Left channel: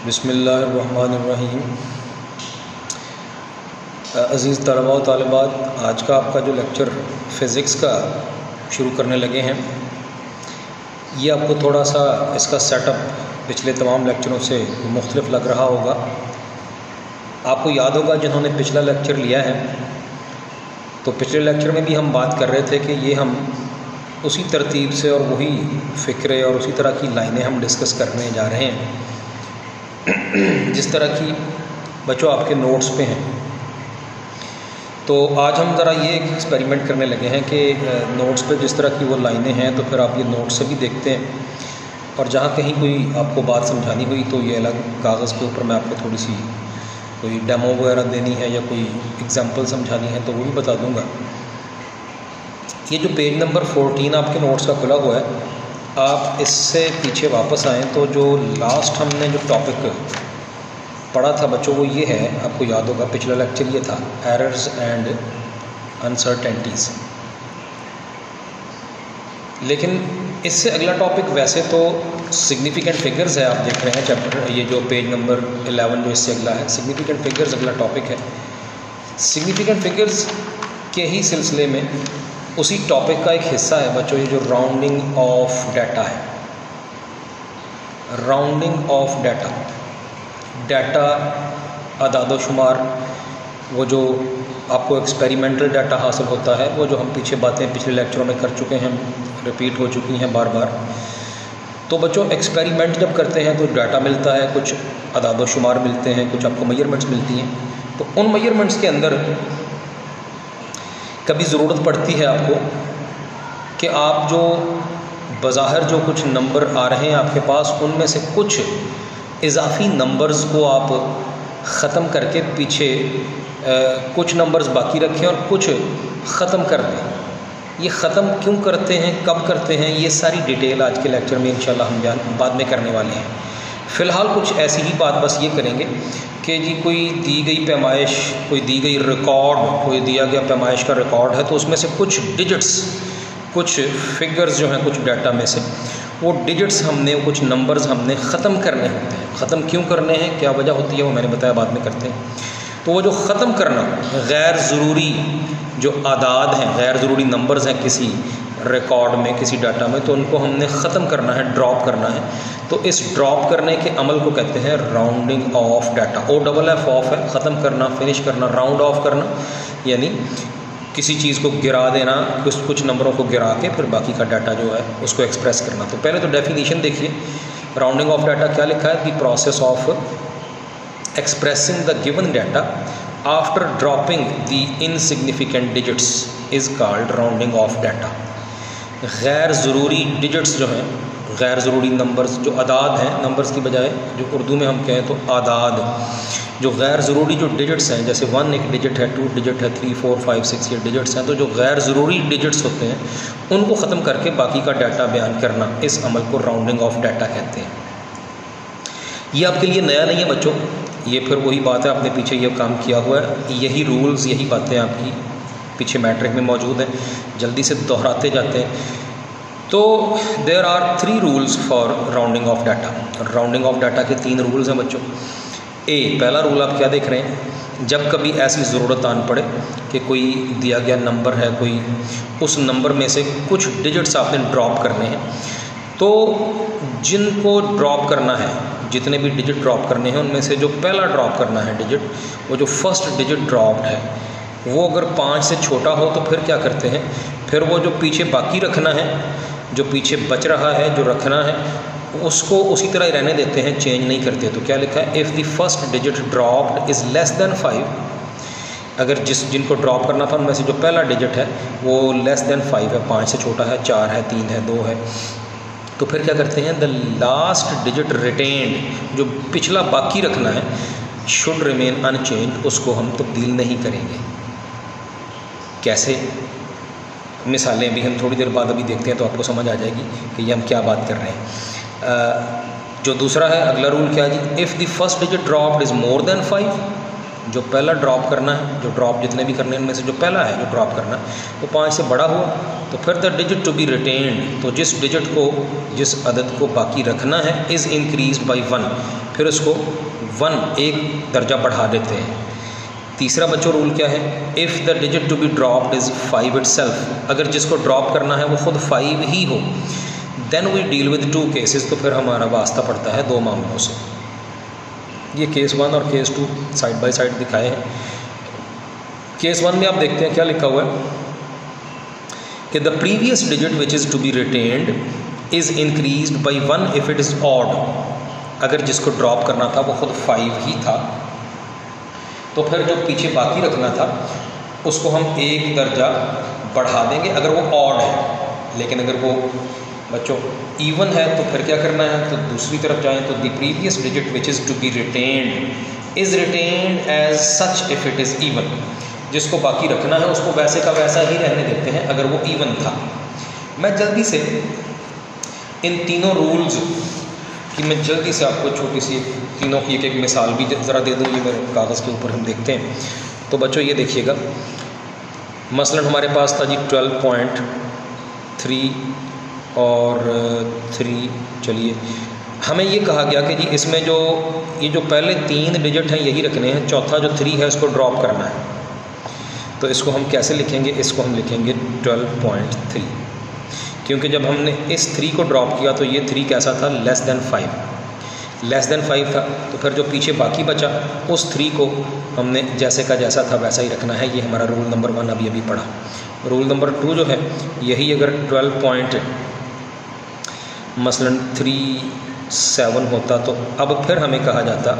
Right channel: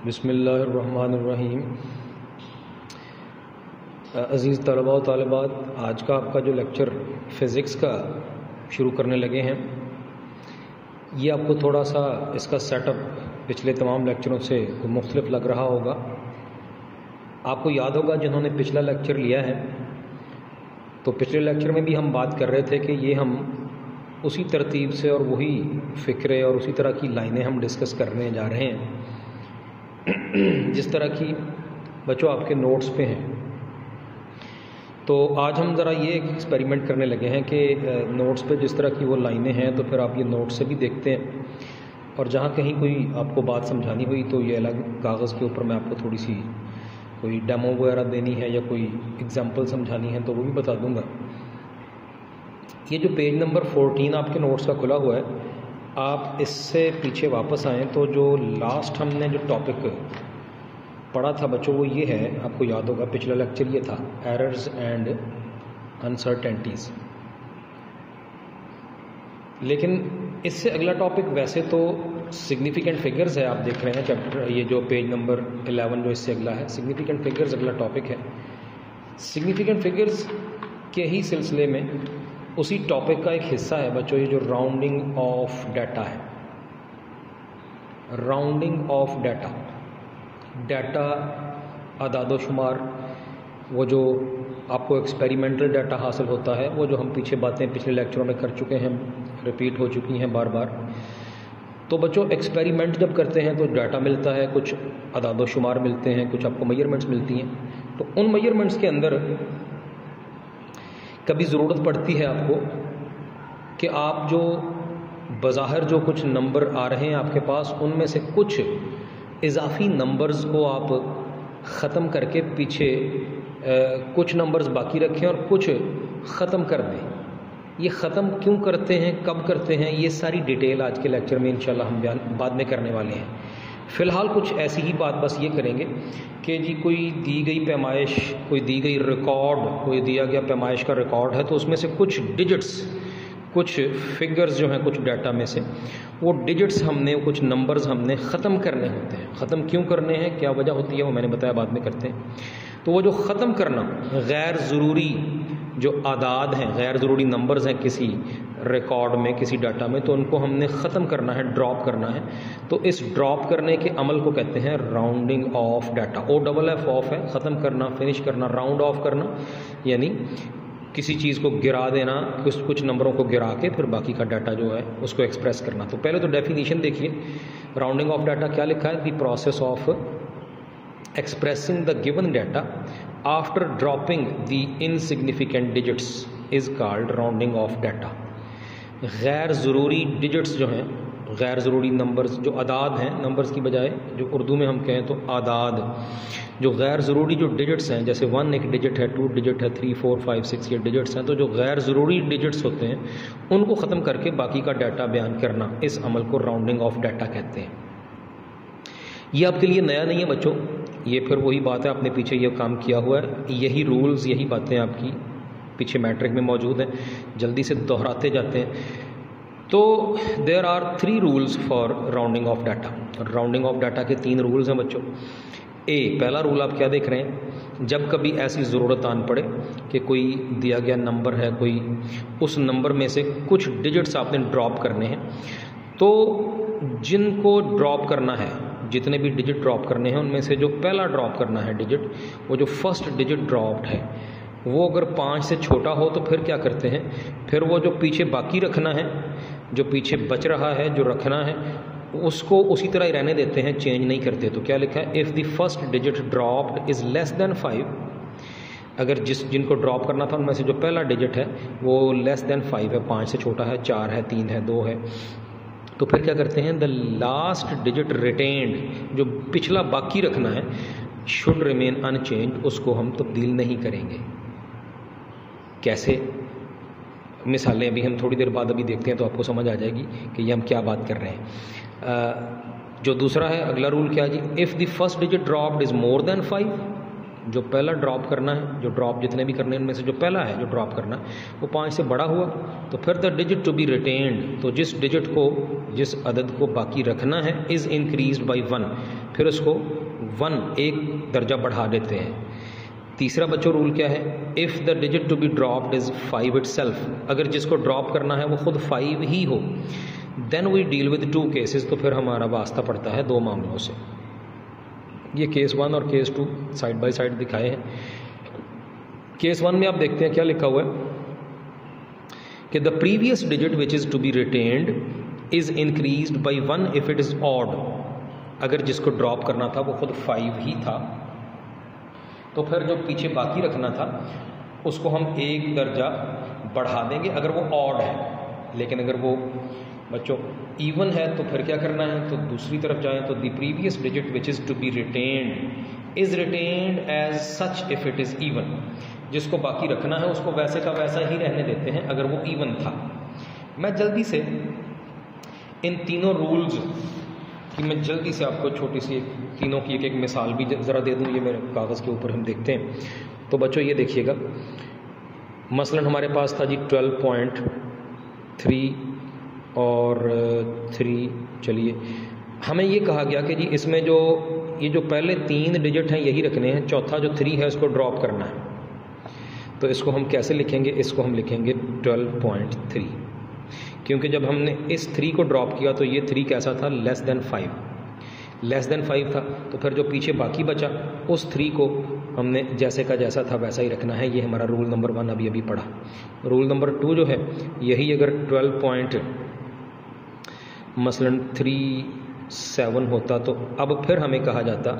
बिस्मिल्लाहिर्रहमानिर्रहीम। अज़ीज़ तलबा व तालिबात, आज का आपका जो लेक्चर फ़िज़िक्स का शुरू करने लगे हैं, ये आपको थोड़ा सा इसका सेटअप पिछले तमाम लेक्चरों से मुख्तलिफ लग रहा होगा। आपको याद होगा जिन्होंने पिछला लेक्चर लिया है, तो पिछले लेक्चर में भी हम बात कर रहे थे कि ये हम उसी तरतीब से और वही फ़िक्रे और उसी तरह की लाइनें हम डिस्कस करने जा रहे हैं जिस तरह की बच्चों आपके नोट्स पे हैं। तो आज हम ज़रा ये एक्सपेरिमेंट करने लगे हैं कि नोट्स पे जिस तरह की वो लाइनें हैं तो फिर आप ये नोट्स से भी देखते हैं, और जहाँ कहीं कोई आपको बात समझानी हुई तो ये अलग कागज़ के ऊपर मैं आपको थोड़ी सी कोई डेमो वगैरह देनी है या कोई एग्जांपल समझानी है तो वो भी बता दूंगा। ये जो पेज नंबर 14 आपके नोट्स का खुला हुआ है, आप इससे पीछे वापस आएँ तो जो लास्ट हमने जो टॉपिक पढ़ा था बच्चों वो ये है, आपको याद होगा पिछला लेक्चर ये था, एरर्स एंड अनसर्टेनिटीज़। लेकिन इससे अगला टॉपिक वैसे तो सिग्निफिकेंट फिगर्स है। आप देख रहे हैं चैप्टर, ये जो पेज नंबर 11 जो इससे अगला है, सिग्निफिकेंट फिगर्स अगला टॉपिक है। सिग्निफिकेंट फिगर्स के ही सिलसिले में उसी टॉपिक का एक हिस्सा है बच्चों ये जो राउंडिंग ऑफ डाटा है। राउंडिंग ऑफ डाटा, डाटा अदाद शुमार, वो जो आपको एक्सपेरिमेंटल डाटा हासिल होता है, वो जो हम पीछे बातें पिछले लेक्चरों में कर चुके हैं, रिपीट हो चुकी हैं बार बार। तो बच्चों एक्सपेरिमेंट जब करते हैं तो डाटा मिलता है, कुछ अदाद शुमार मिलते हैं, कुछ आपको मेजरमेंट्स मिलती हैं। तो उन मेजरमेंट्स के अंदर कभी ज़रूरत पड़ती है आपको कि आप जो बज़ाहिर जो कुछ नंबर आ रहे हैं आपके पास, उनमें से कुछ इजाफ़ी नंबर्स को आप ख़त्म करके पीछे कुछ नंबर्स बाकी रखें और कुछ ख़त्म कर दें। ये ख़त्म क्यों करते हैं, कब करते हैं, ये सारी डिटेल आज के लेक्चर में इंशाल्लाह हम बयान बाद में करने वाले हैं। फ़िलहाल कुछ ऐसी ही बात बस ये करेंगे कि जी कोई दी गई पैमाइश, कोई दी गई रिकॉर्ड, कोई दिया गया पैमाइश का रिकॉर्ड है, तो उसमें से कुछ डिजिट्स, कुछ फिगर्स जो हैं, कुछ डाटा में से वो डिजिट्स हमने, कुछ नंबर्स हमने ख़त्म करने होते हैं। ख़त्म क्यों करने हैं, क्या वजह होती है, वो मैंने बताया, बाद में करते हैं। तो वो जो ख़त्म करना, गैर ज़रूरी जो आदाद हैं, गैर ज़रूरी नंबर्स हैं किसी रिकॉर्ड में, किसी डाटा में, तो उनको हमने ख़त्म करना है, ड्रॉप करना है। तो इस ड्रॉप करने के अमल को कहते हैं rounding off data. OFF of है, ख़त्म करना, फिनिश करना। राउंड ऑफ करना यानी किसी चीज़ को गिरा देना, कुछ नंबरों को गिरा के फिर बाकी का डाटा जो है उसको एक्सप्रेस करना। तो पहले तो डेफिनेशन देखिए, राउंडिंग ऑफ डाटा क्या लिखा है, the process of expressing the given data after dropping the insignificant digits is called rounding off data. गैर ज़रूरी डिजिट्स जो हैं, गैर ज़रूरी नंबर्स जो आदाद हैं, नंबर्स की बजाय जो उर्दू में हम कहें तो आदाद, जो गैर ज़रूरी जो डिजिट्स हैं, जैसे 1 एक डिजिट है, 2 डिजिट है, 3 4 5 6 ये डिजिट्स हैं, तो जो गैर ज़रूरी डिजिट्स होते हैं उनको ख़त्म करके बाकी का डाटा बयान करना, इस अमल को राउंडिंग ऑफ डाटा कहते हैं। ये आपके लिए नया नहीं है बच्चों, ये फिर वही बात है, आपने पीछे ये काम किया हुआ है, यही रूल्स, यही बातें आपकी पीछे मैट्रिक में मौजूद हैं, जल्दी से दोहराते जाते हैं। तो there are 3 rules for rounding off data. Rounding off data के 3 रूल्स हैं बच्चों। पहला रूल आप क्या देख रहे हैं, जब कभी ऐसी ज़रूरत आन पड़े कि कोई दिया गया नंबर है, कोई उस नंबर में से कुछ डिजिट्स आपने ड्रॉप करने हैं, तो जिनको ड्रॉप करना है, जितने भी डिजिट ड्रॉप करने हैं, उनमें से जो पहला ड्रॉप करना है डिजिट, वो जो फर्स्ट डिजिट ड्रॉप्ड है, वो अगर 5 से छोटा हो तो फिर क्या करते हैं, फिर वो जो पीछे बाकी रखना है, जो पीछे बच रहा है, जो रखना है, उसको उसी तरह ही रहने देते हैं, चेंज नहीं करते। तो क्या लिखा है, if the first digit dropped is less than 5, अगर जिनको ड्रॉप करना था उनमें से जो पहला डिजिट है वो लेस दैन 5 है, 5 से छोटा है, 4 है, 3 है, 2 है, तो फिर क्या करते हैं, द लास्ट डिजिट रिटेन्ड, जो पिछला बाकी रखना है, शुड रिमेन अनचेंज, उसको हम तब्दील नहीं करेंगे। कैसे, मिसालें अभी हम थोड़ी देर बाद अभी देखते हैं तो आपको समझ आ जाएगी कि ये हम क्या बात कर रहे हैं। जो दूसरा है, अगला रूल क्या है जी, if the first digit dropped is more than 5, जो पहला ड्रॉप करना है, जो ड्रॉप जितने भी करने हैं उनमें से जो पहला है जो ड्रॉप करना है वो 5 से बड़ा हुआ, तो फिर the digit to be retained, तो जिस डिजिट को, जिस अदद को बाकी रखना है, इज़ इंक्रीज्ड बाई 1, फिर उसको 1 एक दर्जा बढ़ा देते हैं। तीसरा बच्चों रूल क्या है, if the digit to be dropped is 5 itself, अगर जिसको ड्रॉप करना है वो खुद 5 ही हो, then we deal with 2 cases, तो फिर हमारा वास्ता पड़ता है 2 मामलों से। ये केस 1 और केस 2 साइड बाय साइड दिखाए हैं। केस 1 में आप देखते हैं क्या लिखा हुआ है कि the previous digit which is to be retained is increased by 1 if it is odd, अगर जिसको ड्रॉप करना था वो खुद 5 ही था, तो फिर जो पीछे बाकी रखना था उसको हम एक दर्जा बढ़ा देंगे अगर वो ऑड है। लेकिन अगर वो बच्चों इवन है तो फिर क्या करना है, तो दूसरी तरफ जाएं तो the previous digit which is to be retained is retained as such if it is even, जिसको बाकी रखना है उसको वैसे का वैसा ही रहने देते हैं अगर वो इवन था। मैं जल्दी से इन तीनों रूल्स कि मैं जल्दी से आपको छोटी सी तीनों की एक मिसाल भी ज़रा दे दूँ, ये मेरे कागज़ के ऊपर हम देखते हैं। तो बच्चों ये देखिएगा, मसलन हमारे पास था जी 12.3 और 3, चलिए हमें ये कहा गया कि जी इसमें जो ये जो पहले 3 डिजिट हैं यही रखने हैं, चौथा जो 3 है इसको ड्रॉप करना है। तो इसको हम कैसे लिखेंगे, इसको हम लिखेंगे 12.3, क्योंकि जब हमने इस 3 को ड्रॉप किया तो ये 3 कैसा था, लेस देन 5 था, तो फिर जो पीछे बाकी बचा उस 3 को हमने जैसे का जैसा था वैसा ही रखना है। ये हमारा रूल नंबर 1 अभी पढ़ा। रूल नंबर 2 जो है यही, अगर 12.37 होता तो अब फिर हमें कहा जाता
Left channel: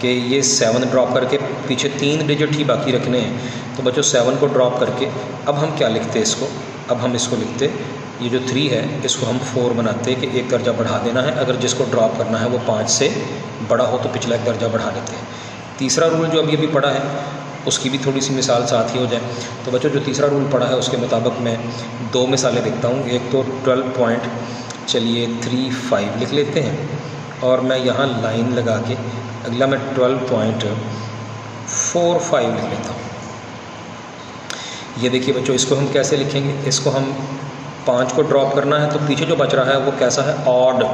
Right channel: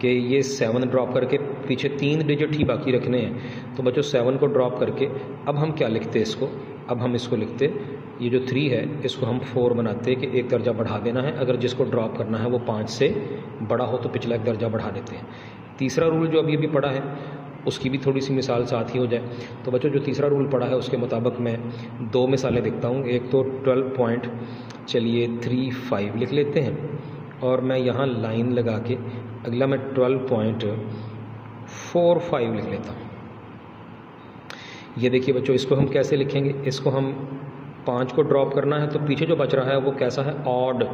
कि ये 7 ड्रॉप करके पीछे 3 डिजिट ही बाकी रखने हैं। तो बच्चों 7 को ड्रॉप करके अब हम क्या लिखते इसको, अब हम इसको लिखते ये जो 3 है इसको हम 4 बनाते कि एक दर्जा बढ़ा देना है, अगर जिसको ड्रॉप करना है वो 5 से बड़ा हो तो पिछला एक दर्जा बढ़ा देते हैं। तीसरा रूल जो अभी पढ़ा है उसकी भी थोड़ी सी मिसाल साथ ही हो जाए। तो बच्चों जो तीसरा रूल पढ़ा है उसके मुताबिक मैं 2 मिसालें देखता हूँ। एक तो 12.35 लिख लेते हैं और मैं यहाँ लाइन लगा के अगला मैं 12.45 लिख लेता हूँ। ये देखिए बच्चों, इसको हम कैसे लिखेंगे, इसको हम 5 को ड्रॉप करना है तो पीछे जो बच रहा है वो कैसा है, ऑड।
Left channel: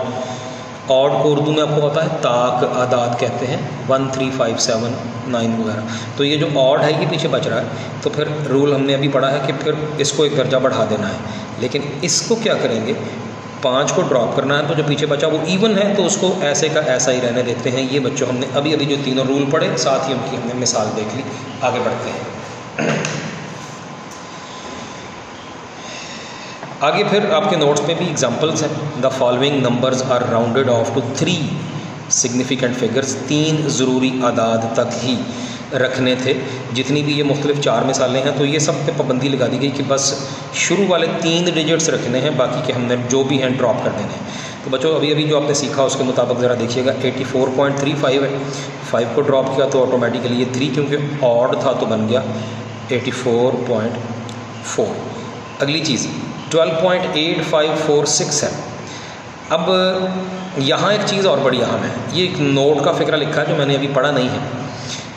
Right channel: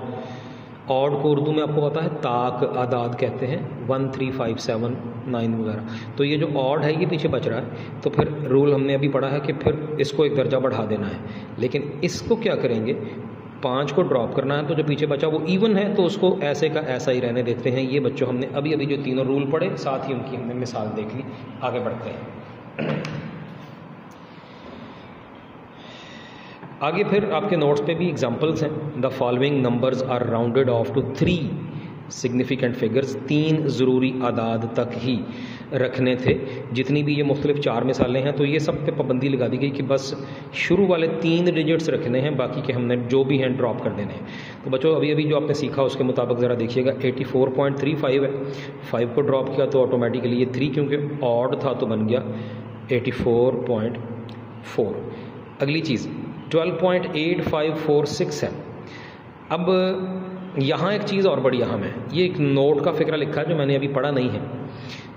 ऑड को उर्दू में आपको पता है ताक आदाद कहते हैं, 1 3 5 7 9 वगैरह। तो ये जो ऑड है ये पीछे बच रहा है, तो फिर रूल हमने अभी पढ़ा है कि फिर इसको एक दर्जा बढ़ा देना है। लेकिन इसको क्या करेंगे, 5 को ड्रॉप करना है तो जो पीछे बचा वो इवन है तो उसको ऐसे का ऐसा ही रहने देते हैं। ये बच्चों हमने अभी जो तीनों रूल पढ़े, साथ ही उनकी हमने मिसाल देख ली। आगे बढ़ते हैं। आगे फिर आपके नोट्स पे भी एग्जांपल्स हैं। The following numbers are rounded off to 3 significant figures, 3 ज़रूरी आदाद तक ही रखने थे। जितनी भी ये मुख्तलिफ 4 मिसालें हैं तो ये सब पे पाबंदी लगा दी गई कि बस शुरू वाले 3 डिजिट्स रखने हैं, बाकी के हमने जो भी हैं ड्रॉप कर देने हैं। तो बच्चों अभी जो आपने सीखा उसके मुताबिक ज़रा देखिएगा, 84.35 है, 5 को ड्रॉप किया तो ऑटोमेटिकली ये 3 क्योंकि ऑड था तो बन गया 84.4। अगली चीज़ 12.8546 है। अब यहाँ एक चीज़ और बड़ी अहम है, ये एक नोट का फ़िक्रा लिखा है जो मैंने अभी पढ़ा नहीं है।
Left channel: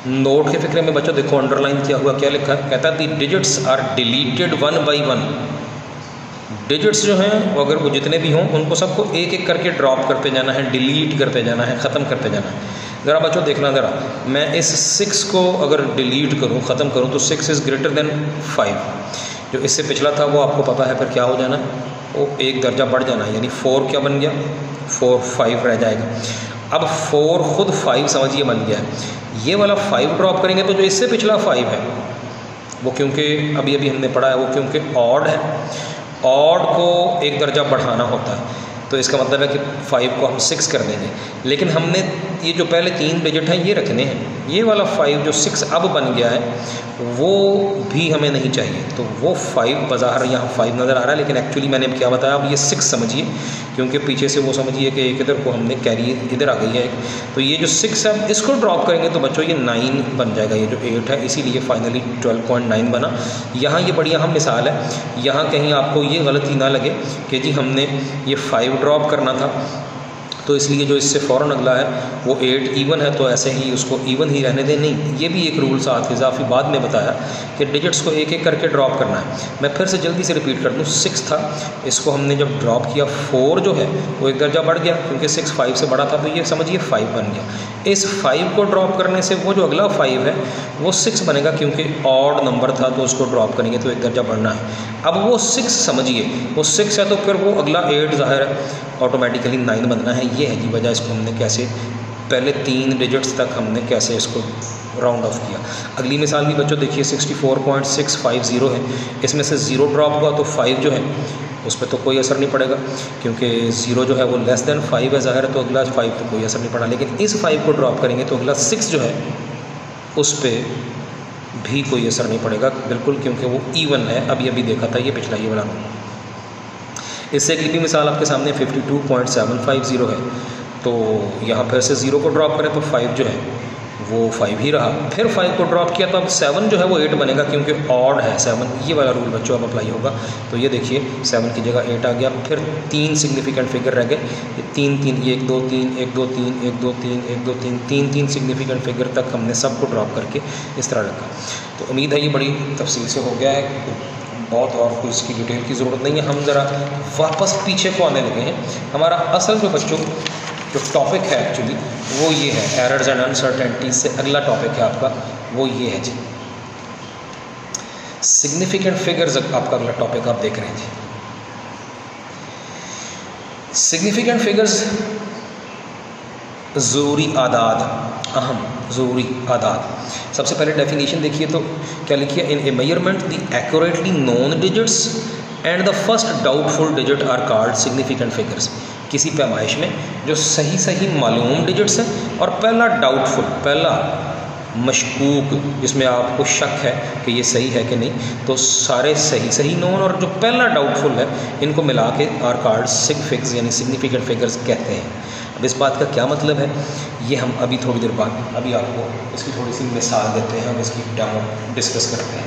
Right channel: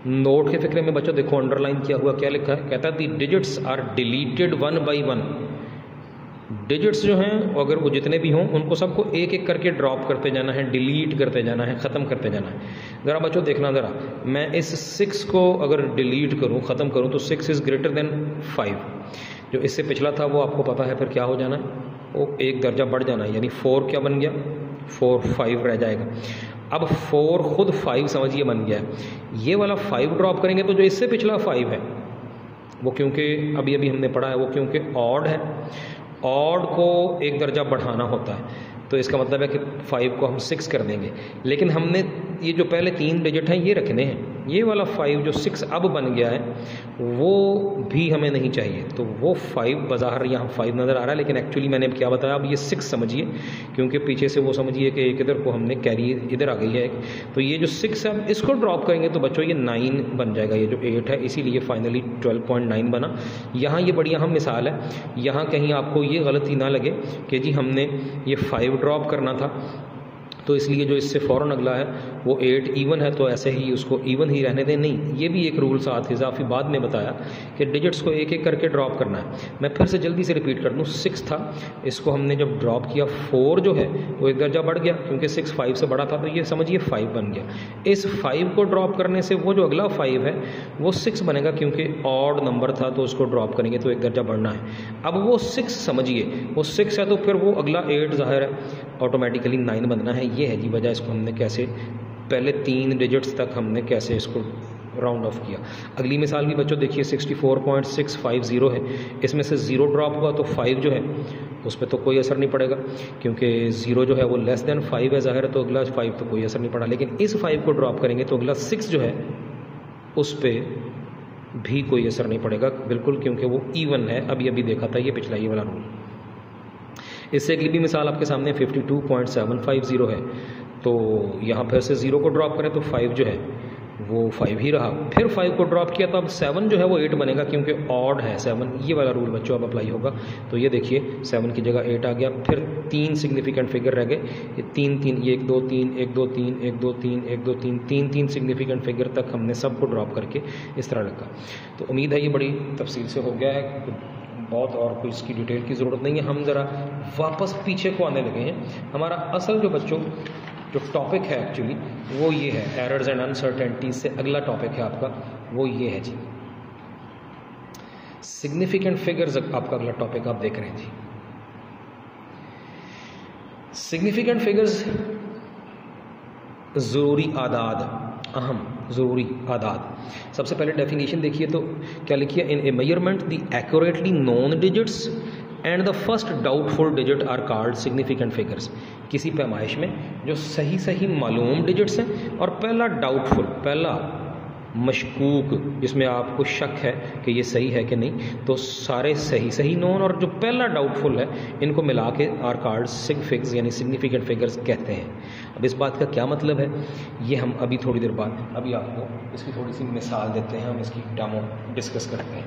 नोट के फ़िक्रे में बच्चों देखो अंडरलाइन किया हुआ क्या लिखा है, कहता है the digits are deleted 1 by 1। Digits जो हैं वो अगर वो जितने भी हों उनको सबको एक एक करके ड्रॉप करते जाना है, डिलीट करते जाना है, ख़त्म करते जाना है। ज़रा बच्चों देखना, ज़रा मैं इस 6 को अगर डिलीट करूँ, ख़त्म करूँ तो 6 इज़ ग्रेटर देन 5। जो इससे पिछला था वो आपको पता है फिर क्या हो जाना, वो एक दर्जा बढ़ जाना है, यानी 4 क्या बन गया, 4 5 रह जाएगा। अब 4 खुद 5 समझिए बन गया है। ये वाला 5 ड्रॉप करेंगे तो जो इससे पिछला 5 है वो क्योंकि अभी हमने पढ़ा है वो क्योंकि ऑड है, ऑड को एक दर्जा बढ़ाना होता है, तो इसका मतलब है कि 5 को हम 6 कर देंगे। लेकिन हमने ये जो पहले 3 डिजिट हैं ये रखने हैं, ये वाला 5 जो 6 अब बन गया है वो भी हमें नहीं चाहिए। तो वो 5 बज़ाहिर यहाँ 5 नज़र आ रहा है, लेकिन एक्चुअली मैंने क्या बताया, अब ये 6 समझिए, क्योंकि पीछे से वो समझिए कि एक इधर को हमने कैरी इधर आ गई है। तो ये जो 6 है इसको ड्रॉप करेंगे तो बच्चों ये 9 बन जाएगा, ये जो 8 है, इसीलिए फाइनली 12.9 बना। यहाँ ये बड़ी अहम मिसाल है, यहाँ कहीं आपको ये गलती ना लगे कि जी हमने ये 5 ड्रॉप करना था तो इसलिए जो इससे फ़ौरन अगला है वो 8 इवन है, तो ऐसे ही उसको इवन ही रहने दें। नहीं, ये भी एक रूल साथ इजाफी बाद में बताया कि डिजिट्स को एक एक करके ड्रॉप करना है। मैं फिर से जल्दी से रिपीट कर दूँ, 6 था, इसको हमने जब ड्रॉप किया 4 जो है वो एक दर्जा बढ़ गया, क्योंकि 6 5 से बड़ा था, तो ये समझिए 5 बन गया। इस 5 को ड्रॉप करने से वो जो अगला 5 है वो 6 बनेगा, क्योंकि ऑड नंबर था तो उसको ड्रॉप करेंगे तो एक दर्जा बढ़ना है। अब वो 6 समझिए, वो 6 है तो फिर वो अगला 8 ज़ाहिर है ऑटोमेटिकली 9 बनना है। ये है जी वजह, इसको हमने कैसे पहले 3 डिजिट्स तक हमने कैसे इसको राउंड ऑफ किया। अगली मिसाल भी बच्चों देखिए 64.650 है, इसमें से 0 ड्रॉप हुआ तो 5 जो है उस पर तो कोई असर नहीं पड़ेगा, क्योंकि 0 जो है वो लेस देन 5 है ज़ाहिर है, तो अगला 5 तो कोई असर नहीं पड़ा। लेकिन इस 5 को ड्रॉप करेंगे तो अगला 6 जो है उस पर भी कोई असर नहीं पड़ेगा बिल्कुल, क्योंकि वो इवन है। अभी देखा था ये पिछला ये वाला रूल। इससे अगली भी मिसाल आपके सामने 52.750 है, तो यहाँ फिर से 0 को ड्रॉप करें तो 5 जो है वो 5 ही रहा, फिर 5 को ड्रॉप किया तो अब 7 जो है वो 8 बनेगा, क्योंकि ऑड है 7। ये वाला रूल बच्चों अब अप्लाई होगा। तो ये देखिए 7 की जगह 8 आ गया, फिर 3 सिग्निफिकेंट फिगर रह गए, ये 3 3 1 2 3 1 2 3 1 2 3 1 2 3 3 3 सिग्निफिकेंट फिगर तक हमने सबको ड्रॉप करके इस तरह रखा। तो उम्मीद है ये बड़ी तफसील से हो गया है, बहुत और कोई इसकी डिटेल की ज़रूरत नहीं है। हम ज़रा वापस पीछे को आने लगे हैं। हमारा असल जो बच्चों जो टॉपिक है एक्चुअली वो ये है, एरर्स एंड अनसर्टेनिटीज से अगला टॉपिक है आपका वो ये है जी, सिग्निफिकेंट फिगर्स आपका अगला टॉपिक आप देख रहे हैं जी। सिग्निफिकेंट फिगर्स ज़रूरी आदाद, अहम ज़रूरी आदाद। सबसे पहले डेफिनेशन देखिए तो क्या लिखिए, in a measurement the accurately known digits and the first doubtful digit are called significant figures. किसी पैमाइश में जो सही मालूम डिजिट्स हैं और पहला डाउटफुल, पहला मशकूक जिसमें आपको शक है कि ये सही है कि नहीं, तो सारे सही नोन और जो पहला डाउटफुल है इनको मिला के आर कॉल्ड सिग फिग्स यानी सिग्निफिकेंट फिगर्स कहते हैं। अब इस बात का क्या मतलब है ये हम अभी थोड़ी देर बाद अभी आपको इसकी थोड़ी सी मिसाल देते हैं, हम इसकी डेमो डिस्कस करते हैं।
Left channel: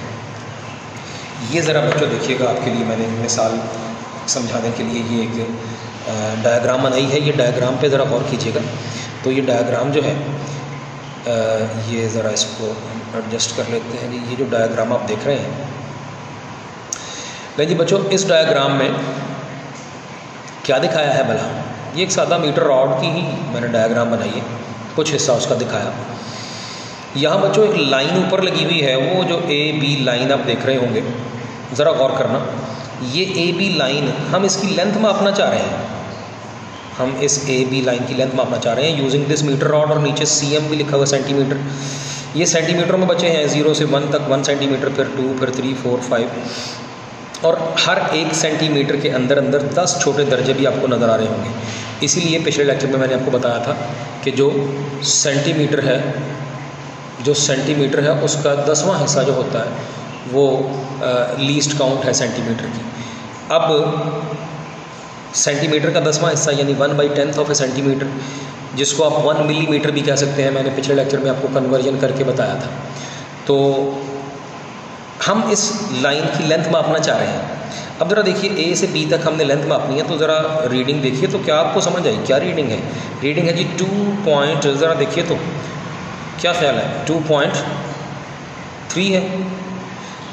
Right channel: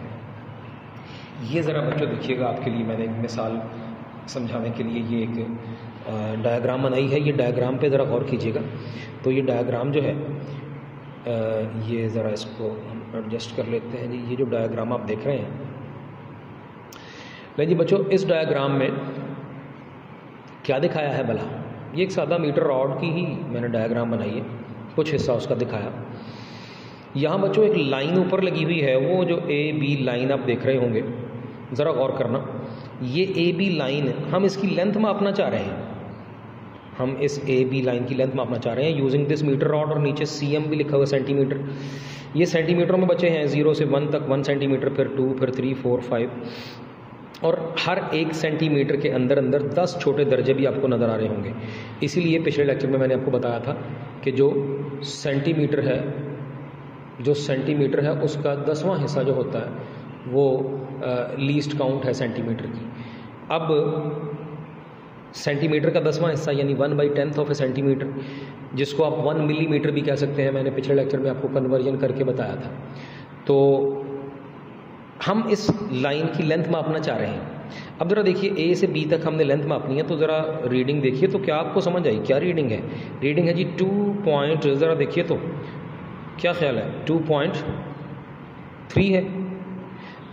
ये ज़रा बच्चों देखिएगा, आपके लिए मैंने मिसाल समझाने के लिए ये एक डायग्राम बनाई है। ये डायग्राम पे ज़रा गौर कीजिएगा। तो ये डायग्राम जो है ये ज़रा इसको एडजस्ट कर लेते हैं जी। ये जो डायग्राम आप देख रहे हैं, लेकिन बच्चों इस डायग्राम में क्या दिखाया है भला, ये एक सादा मीटर रॉड की ही मैंने डायग्राम बनाई है, कुछ हिस्सा उसका दिखाया। यहाँ बच्चों एक लाइन ऊपर लगी हुई है, वो जो ए बी लाइन आप देख रहे होंगे, ज़रा गौर करना। ये ए बी लाइन हम इसकी लेंथ मापना चाह रहे हैं, हम इस ए बी लाइन की लेंथ मापना चाह रहे हैं यूजिंग दिस मीटर रॉड, और नीचे CM भी लिखा हुआ सेंटीमीटर। ये सेंटीमीटर में बचे हैं 0 से 1 तक 1 सेंटीमीटर, फिर 2, फिर 3, 4, 5 और हर एक सेंटीमीटर के अंदर 10 छोटे दर्जे भी आपको नज़र आ रहे होंगे। इसीलिए पिछले लेक्चर में मैंने आपको बताया था कि जो सेंटीमीटर है उसका 10वां हिस्सा जो होता है वो लीस्ट काउंट है सेंटीमीटर की। अब सेंटीमीटर का 10वां हिस्सा यानी 1/10 ऑफ ए सेंटीमीटर, जिसको आप 1 मिलीमीटर भी कह सकते हैं, मैंने पिछले लेक्चर में आपको कन्वर्जन करके बताया था। तो हम इस लाइन की लेंथ मापना चाह रहे हैं। अब ज़रा देखिए A से B तक हमने लेंथ मापनी है, तो ज़रा रीडिंग देखिए तो क्या आपको समझ आई क्या रीडिंग है। रीडिंग है जी 2 ज़रा देखिए तो क्या ख्याल है, 2.3 है।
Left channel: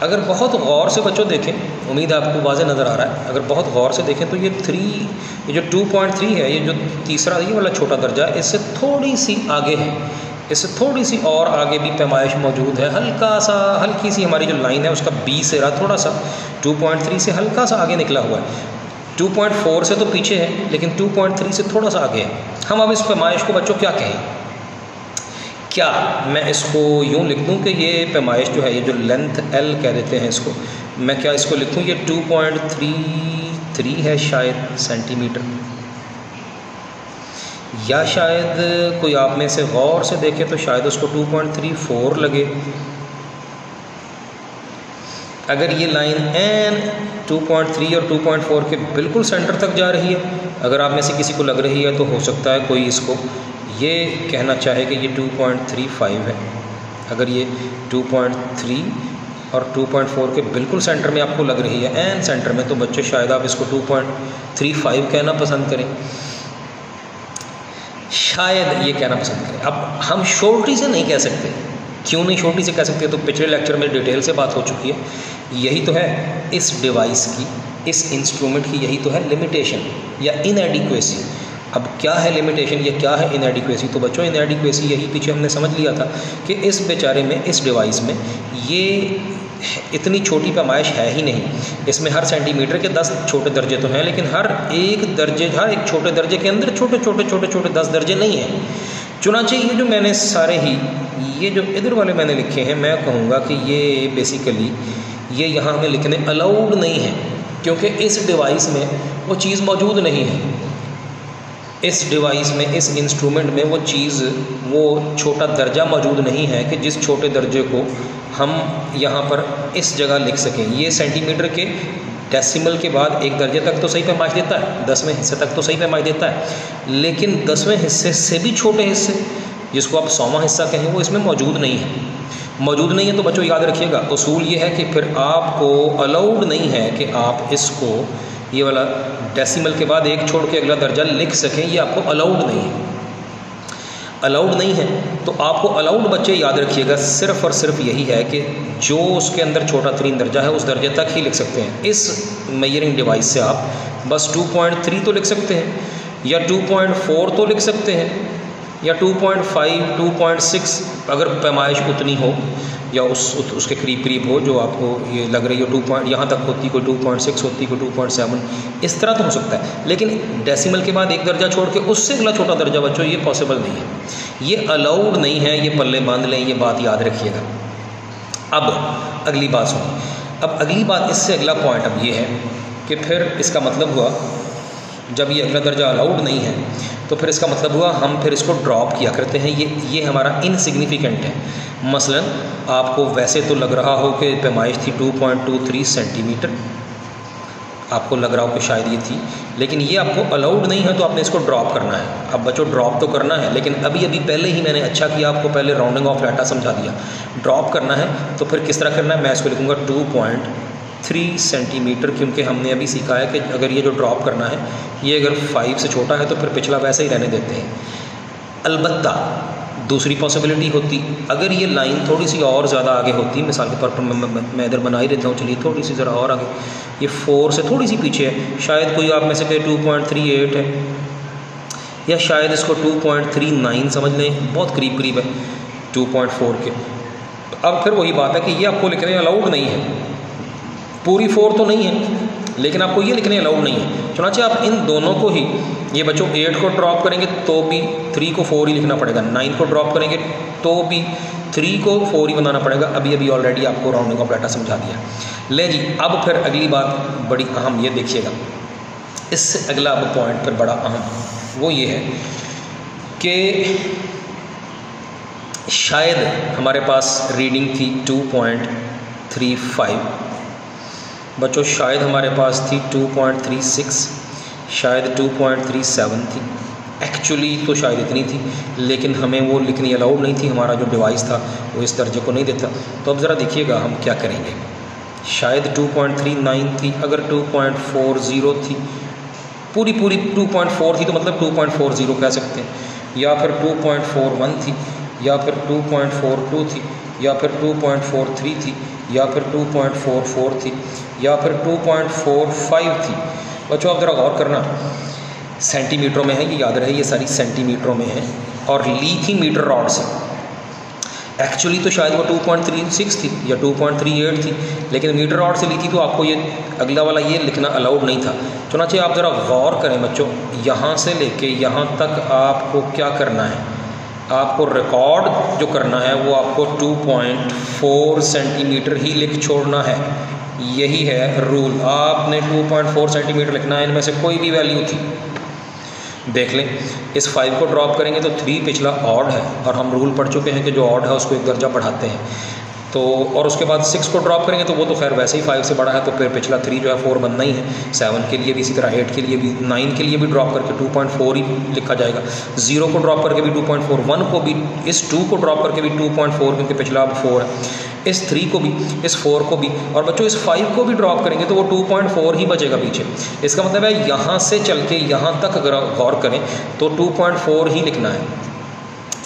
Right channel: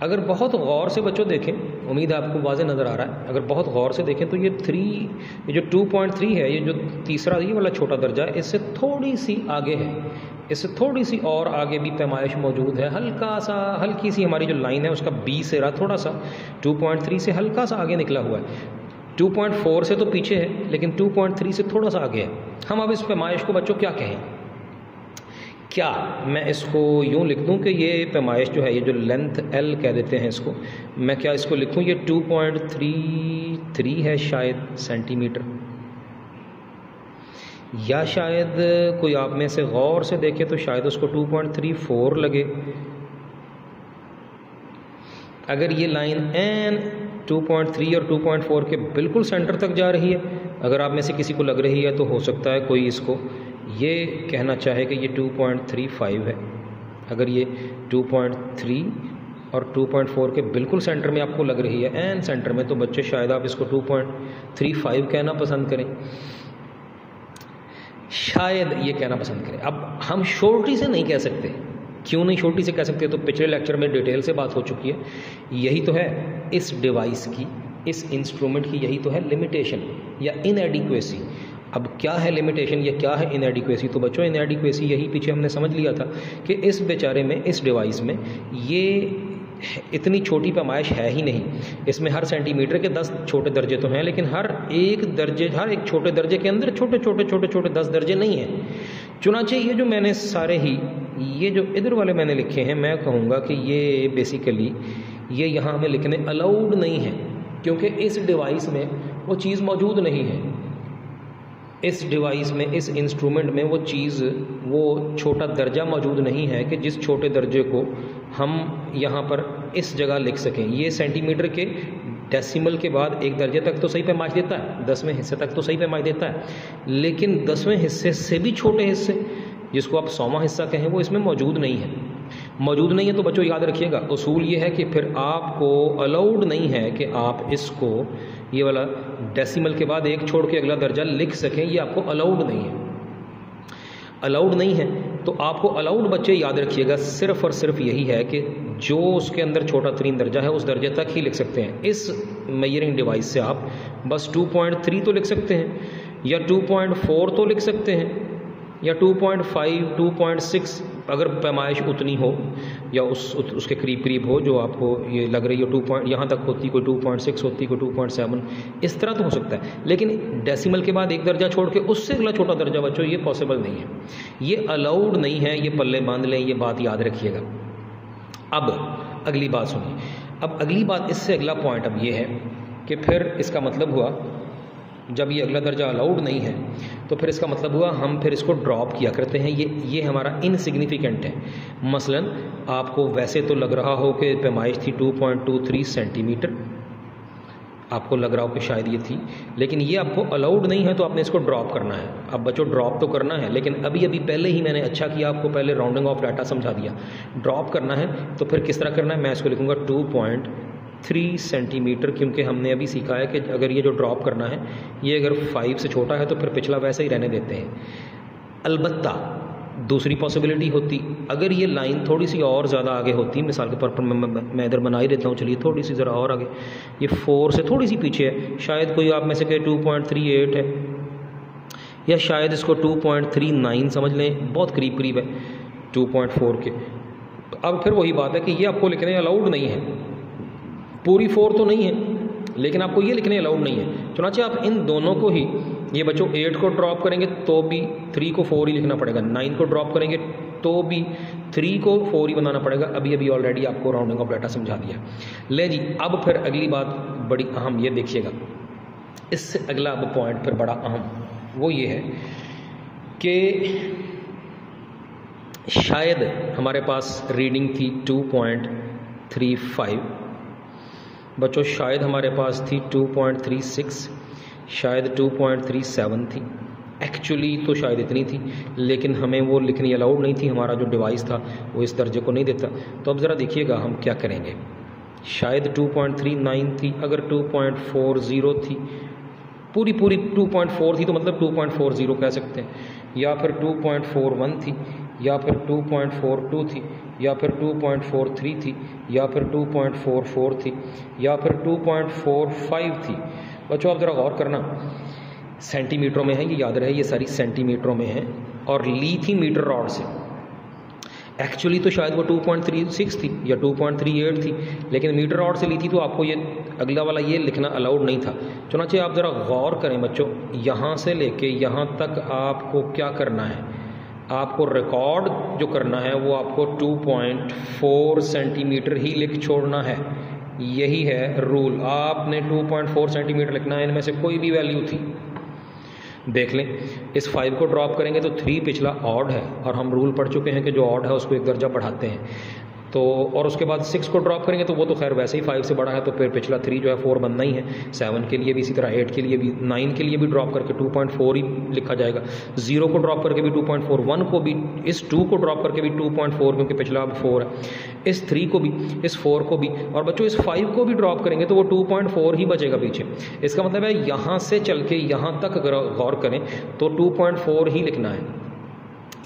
अगर बहुत गौर से बच्चों देखें, उम्मीद है आपको वाज़े नज़र आ रहा है, अगर बहुत गौर से देखें तो ये जो 2.3 है, ये जो तीसरा ये वाला छोटा दर्जा है, इससे थोड़ी सी आगे है, इससे थोड़ी सी और आगे भी पैमाइश मौजूद है। हल्की सी हमारी जो लाइन है उसका B सिरा थोड़ा सा 2.3 से हल्का सा आगे निकला हुआ है। 2.4 से तो पीछे है, लेकिन 2.3 से थोड़ा सा आगे है। हम अब इस पैमाइश को बच्चों क्या कहें, क्या मैं इसको यूँ लिख दूँ कि ये पैमाइश जो है, ये जो लेंथ L कह देते हैं इसको, मैं क्या इसको लिखूँ, ये 2.33 है शायद सेंटीमीटर, या शायद कोई आप में से गौर से देखे तो शायद उसको 2.34 लगे। अगर ये लाइन N 2.3 और 2.4 के बिल्कुल सेंटर तक जा रही है, अगर आप में से किसी को लग रही है तो हो सकता है कोई इसको ये कहना चाहे कि ये 2.35 है। अगर ये 2.3 और 2.4 के बिल्कुल सेंटर में आपको लग रही है, एन सेंटर में, तो बच्चे शायद आप इसको 2.35 कहना पसंद करें। शायद ये कहना पसंद करें। अब हम शॉर्टी से नहीं कह सकते, क्यों नहीं शॉर्टी से कह सकते, तो पिछले लेक्चर में डिटेल से बात हो चुकी है। यही तो है इस डिवाइस की, इस इंस्ट्रूमेंट की यही तो है लिमिटेशन या इनएडिक्वेसी। अब क्या है लिमिटेशन या क्या है इनएडिक्वेसी? तो बच्चों इनएडिक्वेसी यही पीछे हमने समझ लिया था कि इस बेचारे में, इस डिवाइस में ये इतनी छोटी पैमाइश है ही नहीं। इसमें हर सेंटीमीटर के 10 छोटे दर्जे तो हैं, लेकिन हर एक छोटे दर्जे के अंदर छोटे 10 दर्जे नहीं हैं। चुनांचे ये जो मैंने सारे ही ये जो इधर वाले मैंने लिखे हैं, मैं कहूँगा कि ये बेसिकली ये यहाँ हमें लिखने अलाउड नहीं है, क्योंकि इस डिवाइस में वो चीज़ मौजूद नहीं है। इस डिवाइस में, इस इंस्ट्रूमेंट में वो चीज़, वो छोटा दर्जा मौजूद नहीं है कि जिस छोटे दर्जे को हम यहाँ पर इस जगह लिख सकें। ये सेंटीमीटर के डेसिमल के बाद एक दर्जे तक तो सही पैमाइश देता है, 10वें हिस्से तक तो सही पैमाइश देता है, लेकिन 10वें हिस्से से भी छोटे हिस्से, जिसको आप 100वां हिस्सा कहें, वो इसमें मौजूद नहीं है। मौजूद नहीं है तो बच्चों याद रखिएगा, उसूल ये है कि फिर आपको अलाउड नहीं है कि आप इसको, ये वाला डेसिमल के बाद एक छोड़ के अगला दर्जा लिख सकें, ये आपको अलाउड नहीं है। अलाउड नहीं है तो आपको अलाउड बच्चे याद रखिएगा सिर्फ़ और सिर्फ यही है कि जो उसके अंदर छोटा तरीन दर्जा है उस दर्जे तक ही लिख सकते हैं। इस मेजरिंग डिवाइस से आप बस 2.3 तो लिख सकते हैं, या 2.4 तो लिख सकते हैं, या 2.5, 2.6 अगर पैमाइश उतनी हो या उसके करीब हो जो आपको ये लग रही हो, यहाँ तक होती, कोई 2.6 होती, कोई 2.7, इस तरह तो हो सकता है। लेकिन डेसिमल के बाद एक दर्जा छोड़ के उससे अगला छोटा दर्जा बच्चों ये पॉसिबल नहीं है, ये अलाउड नहीं है, ये पल्ले बांध लें, ये बात याद रखिएगा। अब अगली बात सुनिए। अब अगली बात, इससे अगला पॉइंट अब ये है कि फिर इसका मतलब हुआ, जब ये अगला दर्जा अलाउड नहीं है तो फिर इसका मतलब हुआ हम फिर इसको ड्रॉप किया करते हैं, ये हमारा इनसिग्निफिकेंट है। मसलन आपको वैसे तो लग रहा हो कि पैमाइश थी 2.23 सेंटीमीटर, आपको लग रहा हो कि शायद ये थी, लेकिन ये आपको अलाउड नहीं है तो आपने इसको ड्रॉप करना है। अब बच्चों ड्रॉप तो करना है, लेकिन अभी पहले ही मैंने अच्छा किया, आपको पहले राउंडिंग ऑफ डाटा समझा दिया। ड्रॉप करना है तो फिर किस तरह करना है, मैं इसको लिखूँगा 2.3 सेंटीमीटर, क्योंकि हमने अभी सीखा है कि अगर ये जो ड्रॉप करना है ये अगर 5 से छोटा है तो फिर पिछला वैसे ही रहने देते हैं। अलबत्ता दूसरी पॉसिबिलिटी होती, अगर ये लाइन थोड़ी सी और ज़्यादा आगे होती, मिसाल के तौर पर मैं इधर बना ही देता हूँ, चलिए थोड़ी सी ज़रा और आगे, ये 4 से थोड़ी सी पीछे है, शायद कोई आप में से कहे 2.38 है, या शायद इसको 2.39 समझ लें, बहुत करीब है 2.4 के। अब फिर वही बात है कि ये आपको लिखने अलाउड नहीं है, पूरी 4 तो नहीं है, लेकिन आपको ये लिखने अलाउड नहीं है। चुनांचे आप इन दोनों को ही, ये बच्चों 8 को ड्रॉप करेंगे तो भी 3 को 4 ही लिखना पड़ेगा, 9 को ड्रॉप करेंगे तो भी 3 को 4 ही बनाना पड़ेगा। अभी ऑलरेडी आपको राउंडिंग ऑफ डाटा समझा दिया। ले जी, अब फिर अगली बात बड़ी अहम, ये देखिएगा, इससे अगला अब पॉइंट फिर बड़ा अहम, वो ये है कि शायद हमारे पास रीडिंग थी 2.35 बच्चों, शायद हमारे पास थी 2.36, शायद 2.37 थी, एक्चुअली तो शायद इतनी थी, लेकिन हमें वो लिखनी अलाउड नहीं थी, हमारा जो डिवाइस था वो इस दर्जे को नहीं देता। तो अब ज़रा देखिएगा हम क्या करेंगे। शायद 2.39 थी, अगर 2.40 थी, पूरी 2.4 थी तो मतलब 2.40 कह सकते हैं, या फिर 2.41 थी, या फिर 2.42 थी, या फिर 2.43 थी, या फिर 2.44 थी, या फिर 2.45 थी। बच्चों आप ज़रा गौर करना, सेंटीमीटरों में है, ये याद रहे, ये सारी सेंटीमीटरों में है, और ली थी मीटर रॉड से। एक्चुअली तो शायद वो 2.36 थी या 2.38 थी, लेकिन मीटर रॉड से ली थी तो आपको ये अगला वाला ये लिखना अलाउड नहीं था। चुनांचे आप ज़रा गौर करें बच्चों, यहाँ से लेके यहाँ तक आपको क्या करना है, आपको रिकॉर्ड जो करना है वो आपको 2.4 सेंटीमीटर ही लिख छोड़ना है। यही है रूल, आपने 2.4 सेंटीमीटर लिखना है, इनमें से कोई भी वैल्यू थी। देख लें, इस 5 को ड्रॉप करेंगे तो 3 पिछला ऑड है, और हम रूल पढ़ चुके हैं कि जो ऑड है उसको एक दर्जा बढ़ाते हैं। तो और उसके बाद 6 को ड्रॉप करेंगे तो वो तो खैर वैसे ही 5 से बड़ा है, तो फिर पिछला 3 जो है 4 बनना ही है। 7 के लिए भी इसी तरह, 8 के लिए भी, 9 के लिए भी ड्रॉप करके 2.4 ही लिखा जाएगा। 0 को ड्रॉप करके भी 2.4, 1 को भी, इस 2 को ड्रॉप करके भी 2.4 क्योंकि पिछला अब 4 है, इस 3 को भी, इस 4 को भी, और बच्चों इस 5 को भी ड्रॉप करेंगे तो वो 2.4 ही बचेगा पीछे। इसका मतलब है यहाँ से चल के यहाँ तक अगर गौर करें तो 2.4 ही लिखना है।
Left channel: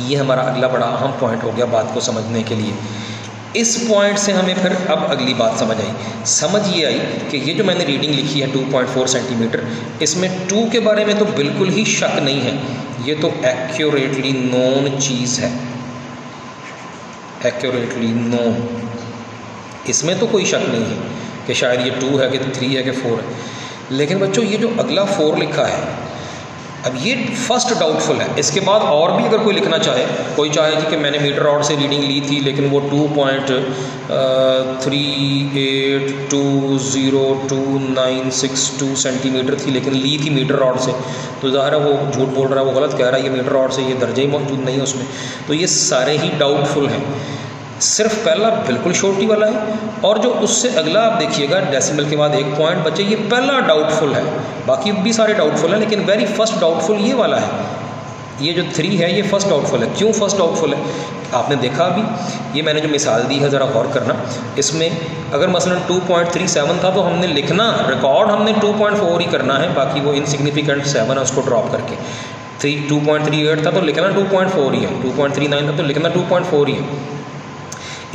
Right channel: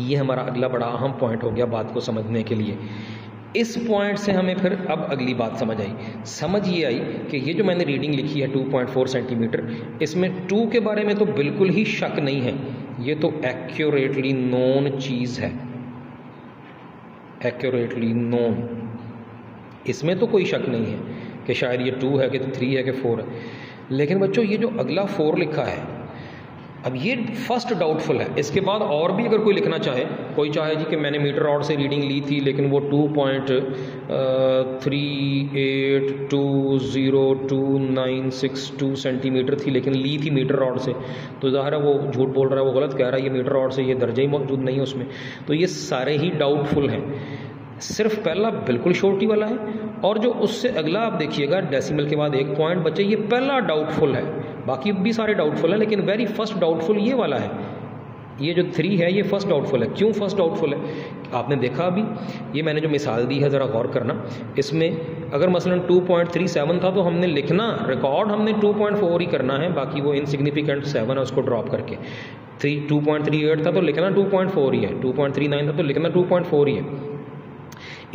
ये हमारा अगला बड़ा अहम पॉइंट हो गया बात को समझने के लिए। इस पॉइंट से हमें फिर अब अगली बात समझ ये आई कि ये जो मैंने रीडिंग लिखी है 2.4 सेंटीमीटर, इसमें 2 के बारे में तो बिल्कुल ही शक नहीं है, ये तो एक्यूरेटली नोन चीज़ है, एक्यूरेटली नोन, इसमें तो कोई शक नहीं है कि शायद ये 2 है कि 3 है कि 4 है। लेकिन बच्चों ये जो अगला 4 लिखा है, अब ये फर्स्ट डाउटफुल है। इसके बाद और भी अगर कोई लिखना चाहे, कोई चाहे जी कि मैंने मीटर रॉड से रीडिंग ली थी लेकिन वो 2.3820962 सेंटीमीटर थी लेकिन ली थी मीटर रॉड से, तो ज़ाहिर है वो झूठ बोल रहा है, वो गलत कह रहा है, ये मीटर रॉड से ये दर्जे ही मौजूद नहीं है उसमें। तो ये सारे ही डाउटफुल हैं, सिर्फ पहला बिल्कुल छोटी वाला है, और जो उससे अगला आप देखिएगा डेसिमल के बाद 1 पॉइंट बच्चे, ये पहला डाउटफुल है, बाकी भी सारे डाउटफुल हैं, लेकिन वेरी फर्स्ट डाउटफुल ये वाला है, ये जो 3 है ये फर्स्ट डाउटफुल है। क्यों फर्स्ट डाउटफुल है? आपने देखा अभी ये मैंने जो मिसाल दी है, ज़रा गौर करना, इसमें अगर मसलन 2.37 था तो हमने लिखना, रिकॉर्ड हमने 2.4 ही करना है, बाकी वो इनसिग्निफिकेंट 7 है उसको ड्रॉप करके। 2.38 था तो लिखना 2.4 ही है, 2.39 था तो लिखना 2.4 ही है।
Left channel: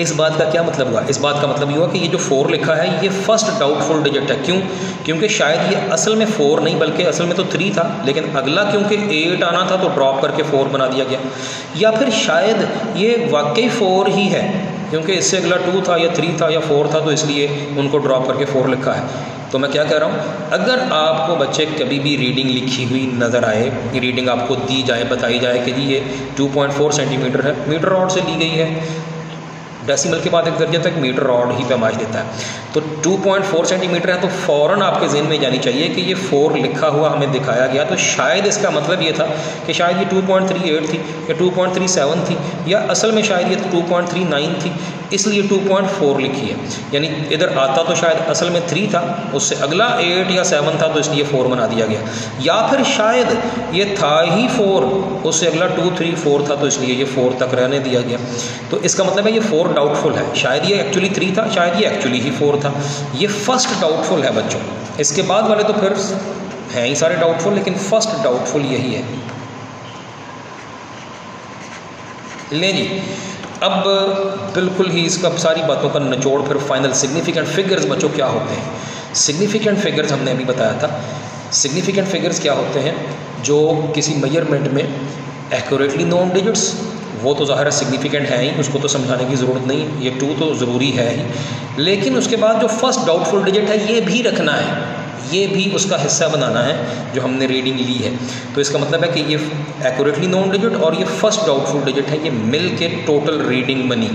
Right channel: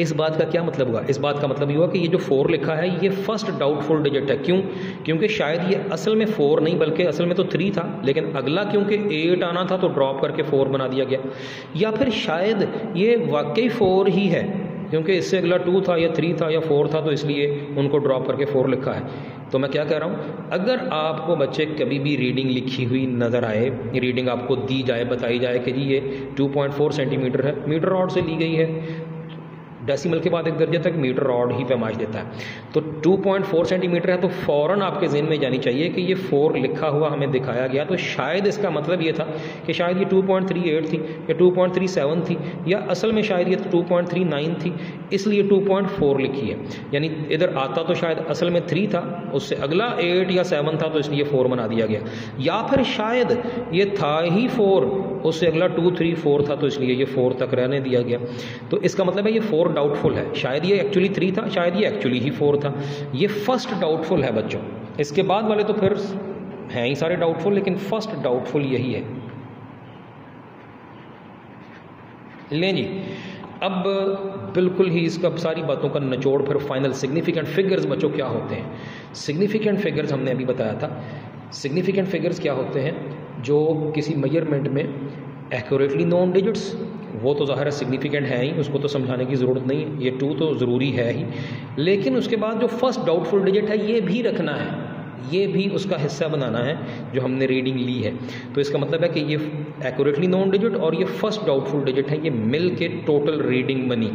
इस बात का क्या मतलब हुआ? इस बात का मतलब ये हुआ कि ये जो 4 लिखा है ये फर्स्ट डाउटफुल डिजिट है। क्यों? क्योंकि शायद ये असल में 4 नहीं बल्कि असल में तो 3 था, लेकिन अगला क्योंकि 8 आना था तो ड्रॉप करके 4 बना दिया गया, या फिर शायद ये वाकई 4 ही है क्योंकि इससे अगला 2 था या 3 था या 4 था तो इसलिए उनको ड्रॉप करके 4 लिखा है। तो मैं क्या कह रहा हूँ, अगर आपको बच्चे कभी भी रीडिंग लिखी हुई नज़र आए, रीडिंग आपको दी जाए, बताई जाए कि जी ये 2.4 सेंटीमीटर है, मीटर रॉड से ली गई है, डेसिमल के बाद एक दर्जे तक मीटर रॉड ही पैमाइश देता है, तो 2.4 सेंटीमीटर है, तो फ़ौरन आपके ज़हन में जानी चाहिए कि ये 4 लिखा हुआ हमें दिखाया गया, तो शायद इसका मतलब ये था कि शायद ये 2.38 थी या 2.37 थी, या असल में शायद ये 2.39 थी, इसलिए 2.4 लिखी है। यानी इधर आता तो शायद असल में 3 था, उससे अगला 8 या 7 था तो इसलिए 4 बना दिया गया, या फिर शायद ये था ही 4, उससे अगला 2, 3, 4 था तो इसलिए ये 4 तक रहने दिया गया। तो इसका मतलब है ये 4 डाउटफुल है, शायद ये एक्चुअली 3 था, शायद ये एक्चुअली ही 4 था। ये फर्स्ट डाउटफुल है बच्चों, इसके बाद वाले तो फिर हैं ही सारे डाउटफुल, लेकिन फर्स्ट डाउटफुल यही है। ले जी, अब बिल्कुल ही इसका सारी बातों का निचोड़ फिर फाइनल सिग्निफिकेंट फिगर्स बच्चों क्या होते हैं। सिग्निफिकेंट फिगर्स हमने अभी बताया था, सिग्निफिकेंट फिगर्स क्या होते हैं, जो किसी मेजरमेंट में एक्यूरेटली नोन डिजिट्स, वो तो ज़ाहिर सिग्निफिकेंट है ही, उसको तो समझाने की ज़रूरत नहीं है, ये 2 तो ज़रूरी है ही, लेकिन उसके बाद जो फर्स्ट डाउटफुल डिजिट है ये भी रखना है, ये भी उसका हिस्सा बनाना है जो हमने रीडिंग ली है। तो इसका मतलब है कि ये एक्यूरेटली नोन डिजिट और ये फर्स्ट डाउटफुल डिजिट है, ये मिल के टोटल रीडिंग बनी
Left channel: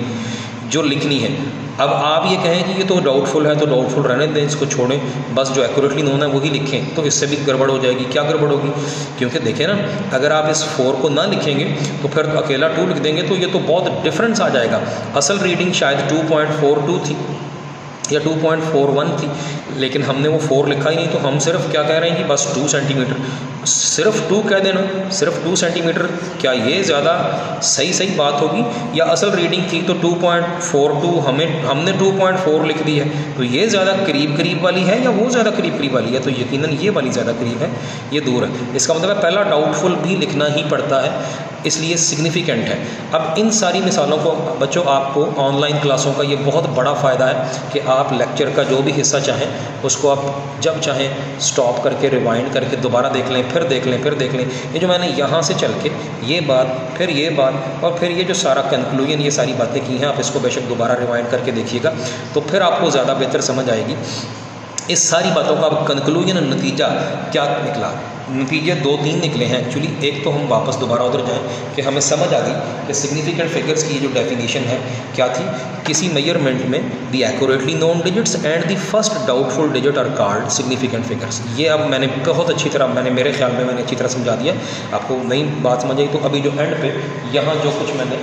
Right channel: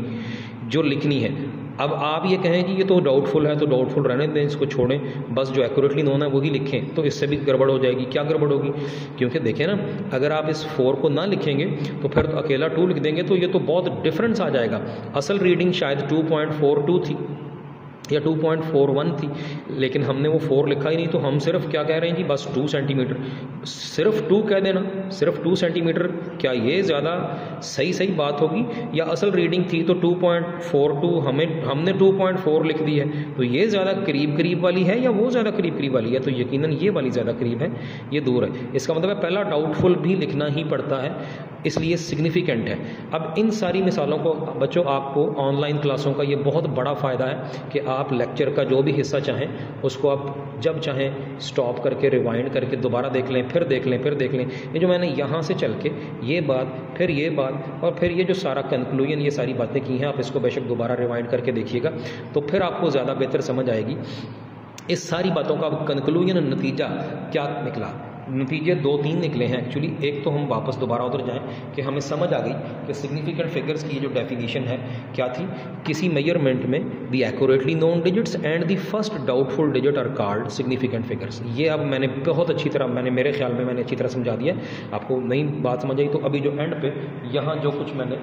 जो लिखनी है। अब आप ये कहें कि ये तो डाउटफुल है तो डाउटफुल रहने दें, इसको छोड़ें, बस जो एक्यूरेटली नोन है वही लिखें, तो इससे भी गड़बड़ हो जाएगी। क्या गड़बड़ होगी? क्योंकि देखें ना, अगर आप इस 4 को ना लिखेंगे तो फिर अकेला 2 लिख देंगे तो ये तो बहुत डिफरेंस आ जाएगा। असल रीडिंग शायद 2.42 थी या 2.41 थी, लेकिन हमने वो 4 लिखा ही नहीं, तो हम सिर्फ क्या कह रहे हैं कि बस 2 सेंटीमीटर, सिर्फ 2 कह देना, सिर्फ 2 सेंटीमीटर, क्या ये ज़्यादा सही बात होगी? या असल रीडिंग थी तो 2.42, हमने 2.4 लिख दी है, तो ये ज़्यादा करीब वाली है या वो ज़्यादा करीब वाली है? तो यकीनन ये वाली ज़्यादा करीब है, ये दूर है। इसका मतलब है पहला डाउटफुल भी लिखना ही पड़ता है, इसलिए सिग्निफिकेंट है। अब इन सारी मिसालों को बच्चों आपको ऑनलाइन क्लासों का ये बहुत बड़ा फ़ायदा है कि आप लेक्चर का जो भी हिस्सा चाहें उसको आप जब चाहें स्टॉप करके रिवाइंड करके दोबारा देख लें, फिर देख लें। ये जो मैंने यहाँ से चल के ये बात, फिर ये बात, और फिर ये जो सारा कंक्लूजन, ये सारी बातें की हैं, आप इसको बेशक दोबारा रिवाइंड करके देखिएगा तो फिर आपको ज़्यादा बेहतर समझ आएगी। इस सारी बातों का कंक्लूजन, नतीजा क्या निकला? नतीजे 2-3 निकले हैं एक्चुअली। एक तो हम वापस दोबारा उधर जाएं कि हमें समझ आ गई कि सिग्निफिकेंट फिगर्स की जो डेफिनेशन है क्या थी, किसी मेजरमेंट में the accurately known digits and the first doubtful digit are called significant figures. ये अब मैंने बहुत अच्छी तरह, मेरे ख्याल में मैंने अच्छी तरह समझा दिया। आपको नई बात समझ आई तो अभी जो एंड पे यहाँ जो कुछ मैंने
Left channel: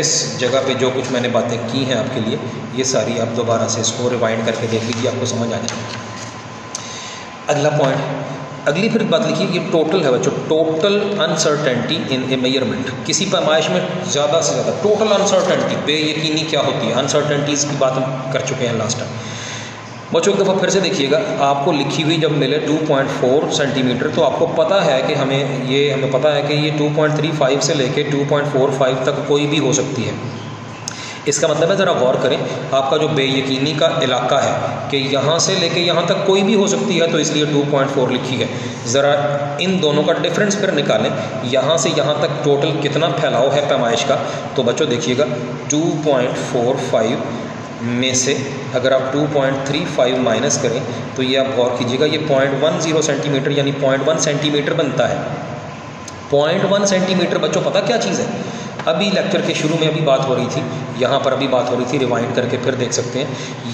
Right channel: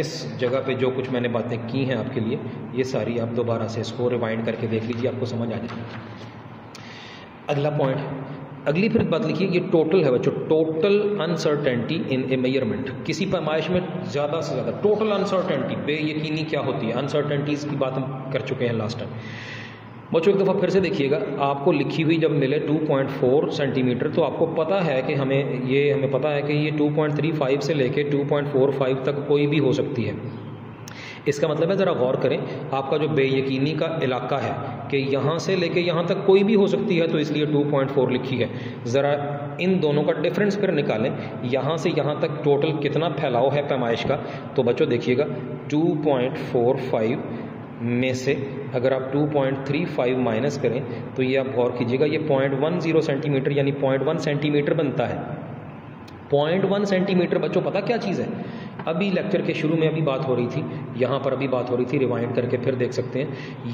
इस जगह पे जो कुछ मैंने बातें की हैं आपके लिए, ये सारी आप दोबारा से इसको रिवाइंड करके देख लीजिए, आपको समझ आ जाएगी। अगला पॉइंट, अगली फिर बात लिखिए, ये टोटल है बच्चों, total uncertainty in a measurement. किसी पैमाइश में ज़्यादा से ज़्यादा टोटल अनसर्टेनिटी, बेयकीनी क्या होती है, अनसर्टेनिटीज़ की बात हम कर चुके हैं लास्ट टाइम। बच्चों एक दफ़ा फिर से देखिएगा, आपको लिखी हुई जब मिले 2.4 सेंटीमीटर तो आपको पता है कि हमें पता है कि ये 2.35 से लेके 2.45 तक कोई भी हो सकती है। इसका मतलब है, ज़रा गौर करें, आपका जो बेयकीनी का इलाका है कि यहाँ से लेके यहाँ तक कोई भी हो सकती है, तो इसलिए 2.4 लिखी है। ज़रा इन दोनों का डिफरेंस फिर निकालें, यहाँ से यहाँ तक टोटल कितना फैलाव है पैमाइश का। तो बच्चों देखिएगा 2.45 में से अगर आप 2.35 माइनस करें तो ये आप गौर कीजिएगा, ये 0.10 सेंटीमीटर यानी 0.1 सेंटीमीटर बनता है। 0.1 सेंटीमीटर बच्चों पता क्या चीज़ है? अभी लेक्चर के शुरू में अभी बात हो रही थी, यहाँ पर अभी बात हो रही थी, रिवाइंड करके फिर देख सकते हैं।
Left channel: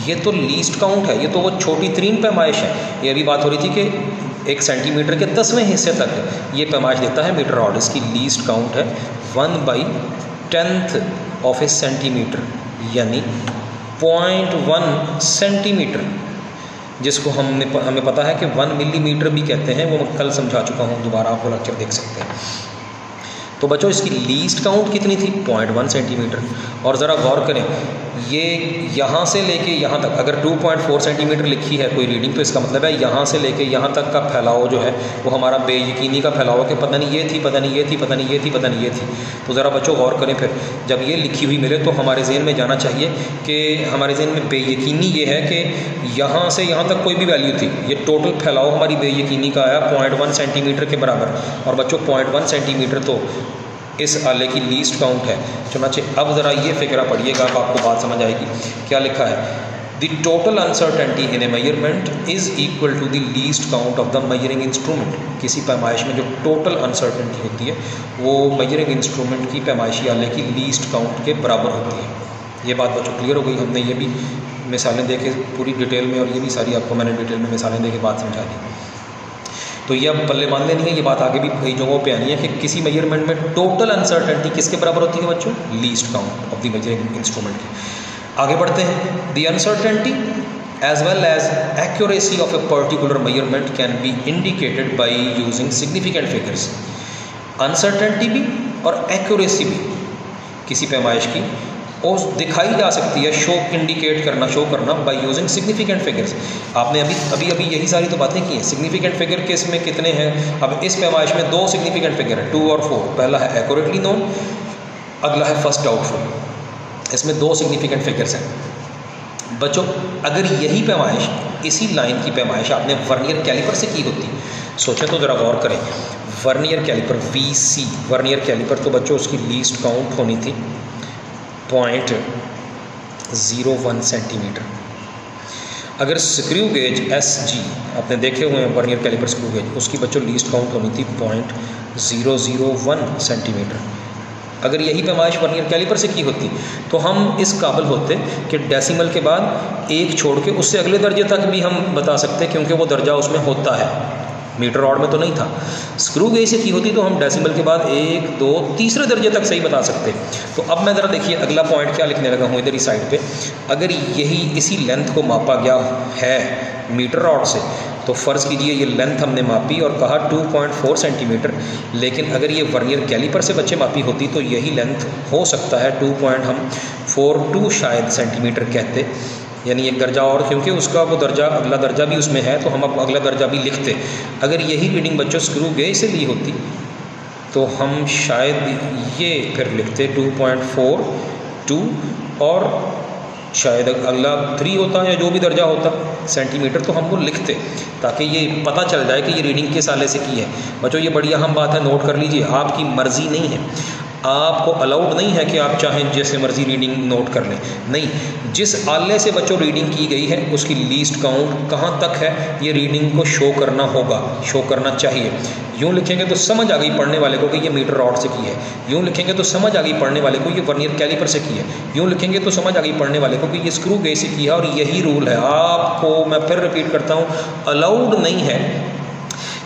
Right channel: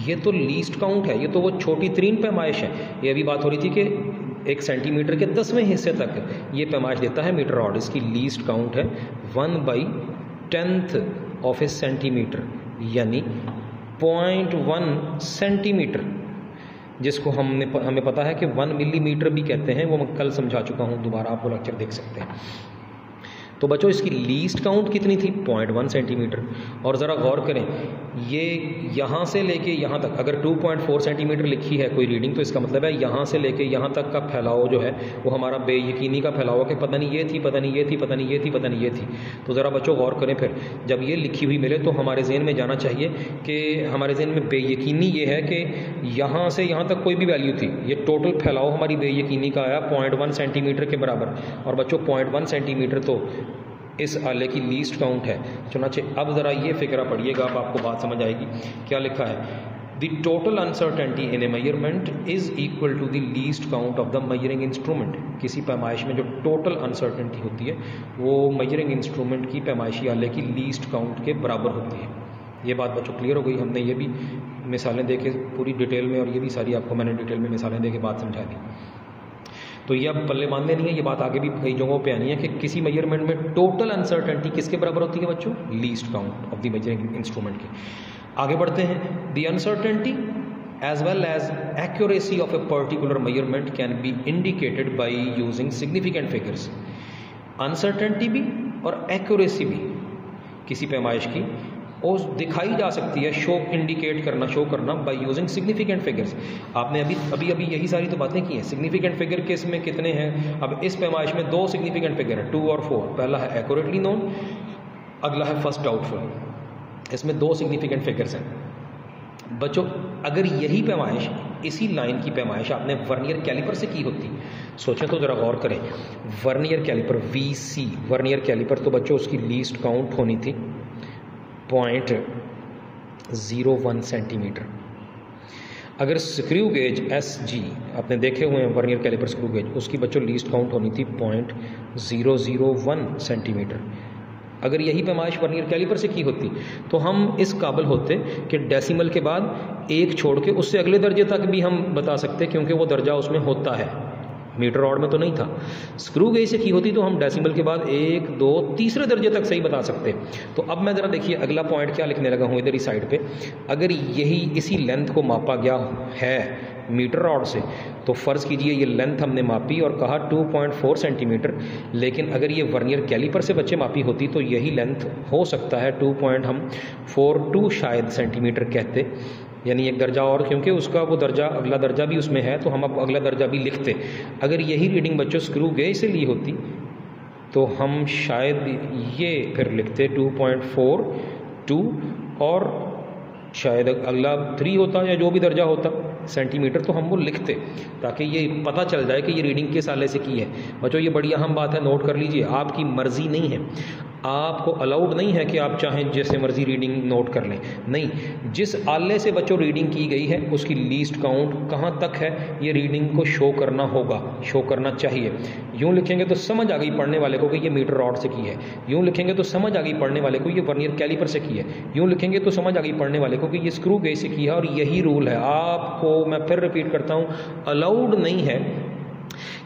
ये तो लीस्ट काउंट है, ये तो वो छोटी तरीन पैमाइश है। ये अभी बात हो रही थी कि 1 सेंटीमीटर के 10वें हिस्से तक ये पैमाइश देता है मीटर रॉड। इसकी लीस्ट काउंट है 1/10 ऑफ ए सेंटीमीटर यानी 0.1 सेंटीमीटर, जिसको हमें पता है कि 1 मिलीमीटर भी कहते हैं। वो मैं कल समझा चुका हूँ, दोबारा आपको लेक्चर देख सकते हैं। तो बच्चों इसकी लीस्ट काउंट कितनी थी? 0.1 सेंटीमीटर। और ज़रा गौर करें, ये यहाँ से लेके यहाँ तक अगर 2.4 सेंटीमीटर लिखी है कोई रीडिंग, तो इसका मतलब है यहाँ से लेके यहाँ तक का फैलाव जो है वो हमारा बेयकीनी का फैलाव है कि पता नहीं ये थी, पता नहीं ये थी, पता नहीं ये थी, पता नहीं ये थी। तो ज़रा बच्चों गौर करें, फिर जब ये लिखी हुई मिले तो हमारे ज़हन में जाना चाहिए कि हमारे ज़हन में बेयकीनी ये है कि यहाँ से यहाँ तक कोई भी वैल्यू थी, ये टोटल फैलाव हमारी बेयकीनी का आया 0.1 सेंटीमीटर के बराबर। और बच्चों 0.1 सेंटीमीटर तो इस आले की लीस्ट काउंट है। चुनाचे अब ज़रा ये फिक्रा पढ़िएगा, आपको बात समझ आएगी। क्या लिखा है? The total uncertainty in a measurement is equal to the least count of the measuring instrument. किसी पैमाइश में जो टोटल अनसर्टेनिटी होती है वो मेजरिंग इंस्ट्रूमेंट की पैमाइशी आले की लीस्ट काउंट के बराबर होती है। ये बात बच्चों क्लियर हो गई? हमने ये भी मिसालें दे के पूरी डिटेल में, और ये भी सारी आपको मैंने डिटेल में मिसालें दे के बात समझा दी। तो ये अब पल्ले बांध लेनी है, ये बात आगे भी कई जगहों पे आनी है कि किसी मेजरमेंट में टोटल अनसर्टेनिटी किसके बराबर होती है बच्चों? Least count of the measuring instrument की। आगे बढ़ते हैं। The uncertainty as well as accuracy of a particular measurement can be indicated by using significant figures. Uncertainty भी और एक्यूरेसी भी किसी पैमाइश की और दिखाई जा सकती है, शो करना बाय यूजिंग सिग्निफिकेंट फिगर्स। आपने अभी यही सारी तो बातें की हैं। सिग्निफिकेंट फिगर के इसमें कितने हैं? अब इस पैमाइश में 2 सिग्निफिकेंट फिगर है, 2 और 4। पहला है एक्यूरेटली नोन, अगला है फर्स्ट डाउटफुल। इसमें 2 सिग्निफिकेंट फिगर्स हैं। बच्चों अगर यही पैमाइश, इसी लाइन की पैमाइश आपने वर्नियर कैलिपर से की होती, सोचें तो ज़रा गौर करें। Vernier calliper VC vernier calliper, तो बच्चों उसकी लीस्ट काउंट होनी थी 0.01 सेंटीमीटर। अगर स्क्रू गेज SG आपने देखे हुए हैं वर्नियर कैलिपर स्क्रू गेज, उसकी बच्चों लीस्ट काउंट होनी थी 0.001 सेंटीमीटर। अगर यही पैमाइश वर्नियर कैलिपर से की होती तो हम इस काबिल होते कि डेसिमल के बाद 1 छोड़ के उससे अगले दर्जे तक भी हम बता सकते, क्योंकि वो दर्जा उसमें होता है। मीटर रॉड में तो नहीं था। स्क्रू गेज से की होती तो हम डेसिमल के बाद 1, 2, तीसरे दर्जे तक सही बता सकते। तो अब मैं ज़रा देखिए अगला पॉइंट क्या लिखने लगा हूँ इधर ही साइड पे। अगर यही इसी लेंथ को मापा गया है मीटर रॉड से, तो फ़र्ज़ कीजिए ये लेंथ हमने मापी और कहा 2.4 सेंटीमीटर, लेकिन अगर ये वर्नियर कैलिपर से बच्चे मापी होती तो यही लेंथ हो सकता है 2.42 शायद सेंटीमीटर कहते, यानी एक दर्जा और, क्योंकि उसका वो दर्जा अगला दर्जा भी उसमें है तो हम अब अगला दर्जा भी लिखते। अगर यही रीडिंग बच्चों स्क्रू गेज से ली होती तो हम शायद ये फिर लिखते 2.42 और शायद अगला 3 होता या जो भी दर्जा होता सेंटीमीटर, तो हम वो लिखते ताकि ये पता चल जाए कि ये रीडिंग किस आले से की है। बच्चों ये बड़ी अहम बात है, नोट कर लीजिए। आपकी मर्ज़ी नहीं है, आपको अलाउड नहीं है कि आप चाहें जैसे मर्ज़ी रीडिंग नोट कर लें। नहीं, जिस आले से बच्चों रीडिंग की गई है उसकी लीस्ट काउंट कहाँ तक है ये रीडिंग को शो करना होगा, शो करना चाहिए। यूँ लिखेंगे तो समझ आ गई पढ़ने वाले को कि ये मीटर रॉड से की है, यूँ लिखेंगे तो समझ आ गई पढ़ने वाले को ये वर्नियर कैलिपर से की है, यूँ लिखेंगे तो समझ आ गई पढ़ने वाले को कि ये स्क्रू गेज से की है। और यही रूल है, आपको मैं फिर रिपीट करता हूँ, अलाउड नहीं है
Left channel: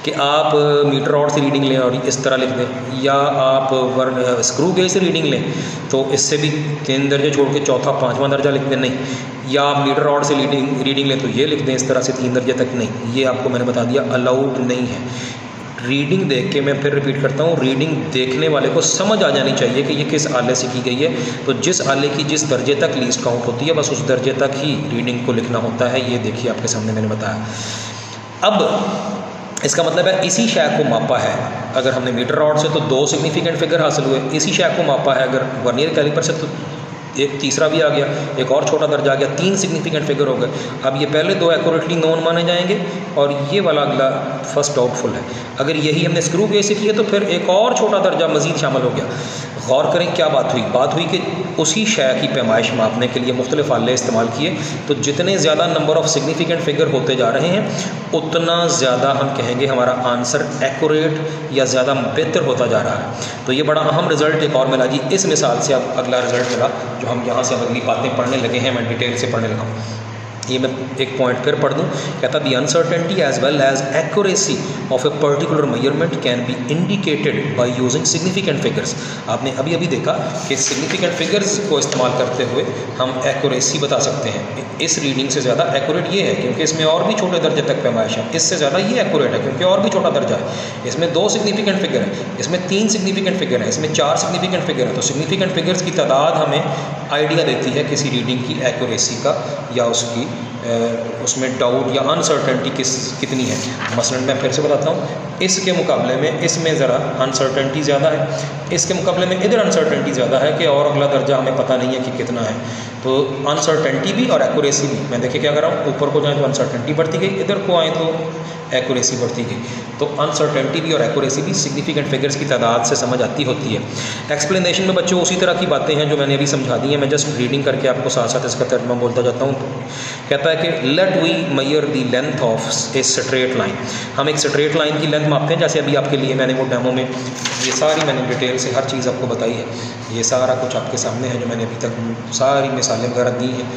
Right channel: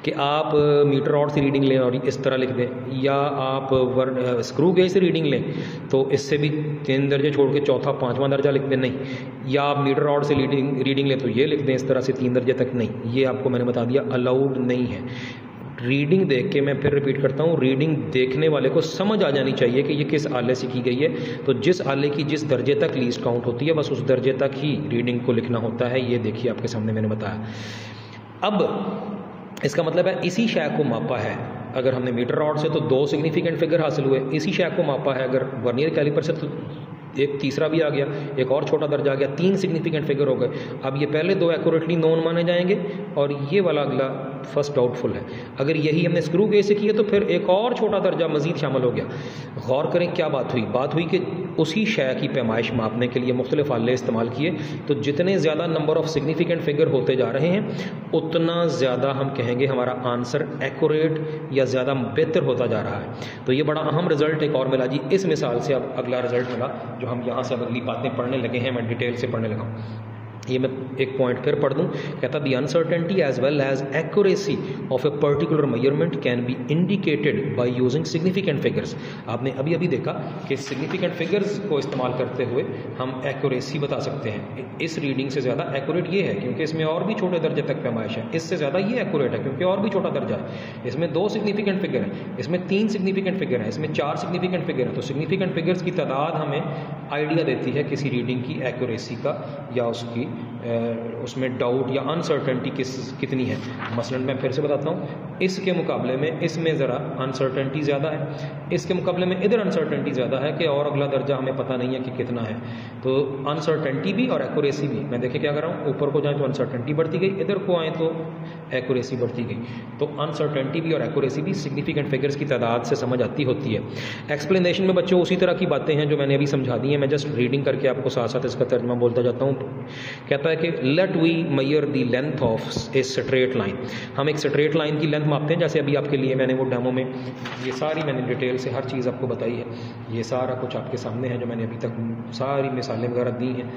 कि आप मीटर रॉड से रीडिंग लें और इस तरह लिख दें, या आप स्क्रू गेज से रीडिंग लें तो इससे भी 3 दर्जे छोड़ के चौथा 5वां दर्जा लिख दें, नहीं, या आप मीटर रॉड से रीडिंग लें तो ये लिख दें इस तरह से 3 दर्जे तक, नहीं, ये आपको मैंने बता दिया अलाउड नहीं है। रीडिंग देख के, मैं फिर रिपीट करता हूँ, रीडिंग देखने वाले को समझ आ जानी चाहिए कि ये किस आले से की गई है। तो जिस आले की जिस दर्जे तक लीस्ट काउंट होती है बस उस दर्जे तक ही रीडिंग को लिखना होता है। ये देखिए आपके सामने मैंने बताया। अब इसका मतलब है इसी शय को मापा है अगर हमने मीटर रॉड से तो 2 सिग्निफिकेंट फिगर हासिल हुए, इसी शय को मापा है अगर वर्नियर कैलिपर से तो एक तीसरा भी आ गया, एक और छोटा दर्जा आ गया, 3 सिग्निफिकेंट फिगर हो गए। अब ये पहले 2 एक्यूरेटली नोन माने जाएंगे और ये वाला अगला फर्स्ट डाउटफुल है। अगर यही हमने स्क्रू गेज से किया तो फिर एक और छोटा दर्जा मज़ीद शामिल हो गया। गौर करें क्या बात हुई, बात हुई कि उसी शय की पैमाइश मापने के लिए मुख्तलिफ आले इस्तेमाल किए, तो जितने ज़्यादा नंबर ऑफ़ सिग्निफिकेंट फिगर होते जा रहे हैं उतना ज़्यादा हम कहेंगे हमारा आंसर एक्यूरेट या ज़्यादा बेहतर होता जा रहा है। तो ये बड़ा अहम रिज़ल्ट एक और मिला जी इस मिसाल से। अब अगला रिज़ल्ट मिला जो हम यहाँ से अगली बातें पढ़ने लगे हैं, मैं डिटेल से पढ़ने लगा। ये मैं एक पॉइंट फिर पढ़ दूँ, कहता the uncertainty as well as accuracy of a particular measurement can be indicated by using significant figures. आपने अभी अभी देखा कि सिग्निफिकेंट फिगर्स को इस्तेमाल करते हुए हम एक्यूरेसी बता सकते हैं। इस रीडिंग से ज़्यादा एक्यूरेट ये है क्योंकि इसमें और भी छोटे दर्जे तक पैमाइश है, इससे ज़्यादा ये एक्यूरेट है क्योंकि और भी छोटा दर्जा है। इसमें 2 सिग्निफिकेंट फिगर है, इसमें 3 सिग्निफिकेंट फिगर है, इसमें 4 सिग्निफिकेंट फिगर है। तो सिग्निफिकेंट फिगर्स की तादाद हमें आइडिया देती है किसी रीडिंग की एक्यूरेसी का या उसकी उसमें डाउट या अनसर्टेनिटी कितनी है। मसलन मैं फिर से बताता हूँ, इसके मुकाबले में इसमें ज़रा अनसर्टेनिटी ज़्यादा है, इसके मुकाबले में इधर अनसर्टेनिटी ज़्यादा है कि और अगला दर्जा हमें पता नहीं है कि कितना है। तो अनसर्टेनिटी भी और एक्यूरेसी भी, मैं देखिए क्या कर रहा हूँ, ऊपर को जाएँ तो अनसर्टेनिटी बढ़ती गई, इधर को आएँ तो एक्यूरेसी बढ़ती गई। तो अनसर्टेनिटी भी और एक्यूरेसी भी सिग्निफिकेंट फिगर्स की तादाद से समझ आती होती है। एक्सप्लेनेशन में बच्चों उसी तरह की बातें हैं जो मैंने अभी समझा दी हैं, मैं जस्ट रीडिंग करके आपको साथ साथ इसका तर्जुमा बोलता जाता हूँ। कहता है कि let we measure the length of a straight line. हम एक स्ट्रेट लाइन की लेंथ मापते हैं, जैसे अभी आपके लिए मैंने वो डेमो में ये सारी मैंने डिटेल से हर चीज़ आपको बताई है, ये सारा कुछ आपके सामने है जो मैंने अभी तक सारी मिसालें वगैरह दी हैं।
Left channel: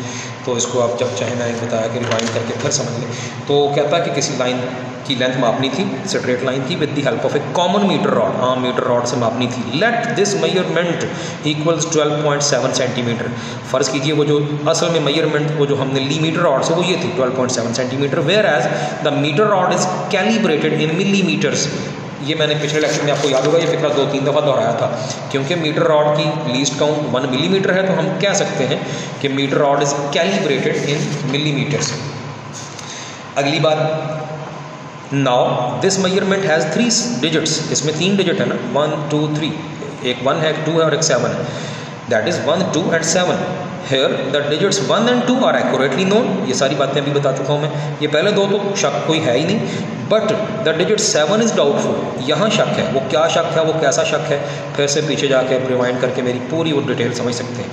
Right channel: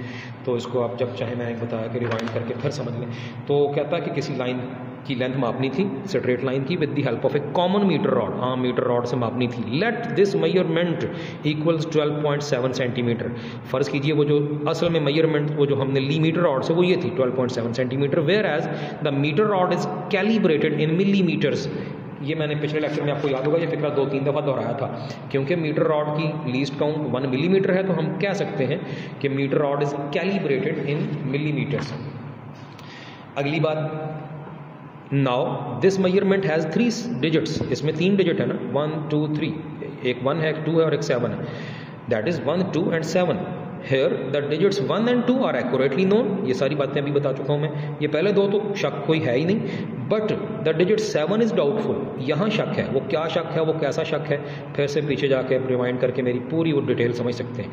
तो इसको आप जब चाहे, मैंने बताया कि रिवाइंड करके फिर समझ लें। तो कहता है कि किसी लाइन की लेंथ मापनी थी, स्ट्रेट लाइन की, with the help of a common metre rod, आम मीटर रॉड से मापनी थी। Let this measurement equals 12.7 centimetre. फ़र्ज़ कीजिए वो जो असल में मेजरमेंट वो जो हमने ली मीटर रॉड से वो ये थी 12.7 centimetre, whereas the metre rod is calibrated in millimetres. ये मैंने पिछले लेक्चर में आपको याद होगा, ये फिक्रा 2-3 दफ़ा दोहराया था। क्योंकि मीटर रॉड की लीस्ट काउंट 1 मिलीमीटर है तो हम कह सकते हैं कि metre rod is calibrated in millimetres. अगली बात, now this measurement has 3 digits. इसमें 3 डिजिट है ना, 1 2 3, एक 1 है, एक 2 है और एक 7 है। That is 1 2 and 7। Here the digits 1 and 2 are accurately known. ये सारी बातें अभी बता चुका हूँ मैं। ये पहले 2 तो शक कोई है ही नहीं, but the digit 7 is doubtful. यहाँ शक है। वो क्या शक है, वो कैसा शक है, फिर से पीछे जाके रिवाइंड करके मेरी पूरी वो डिटेल समझ सकते हैं।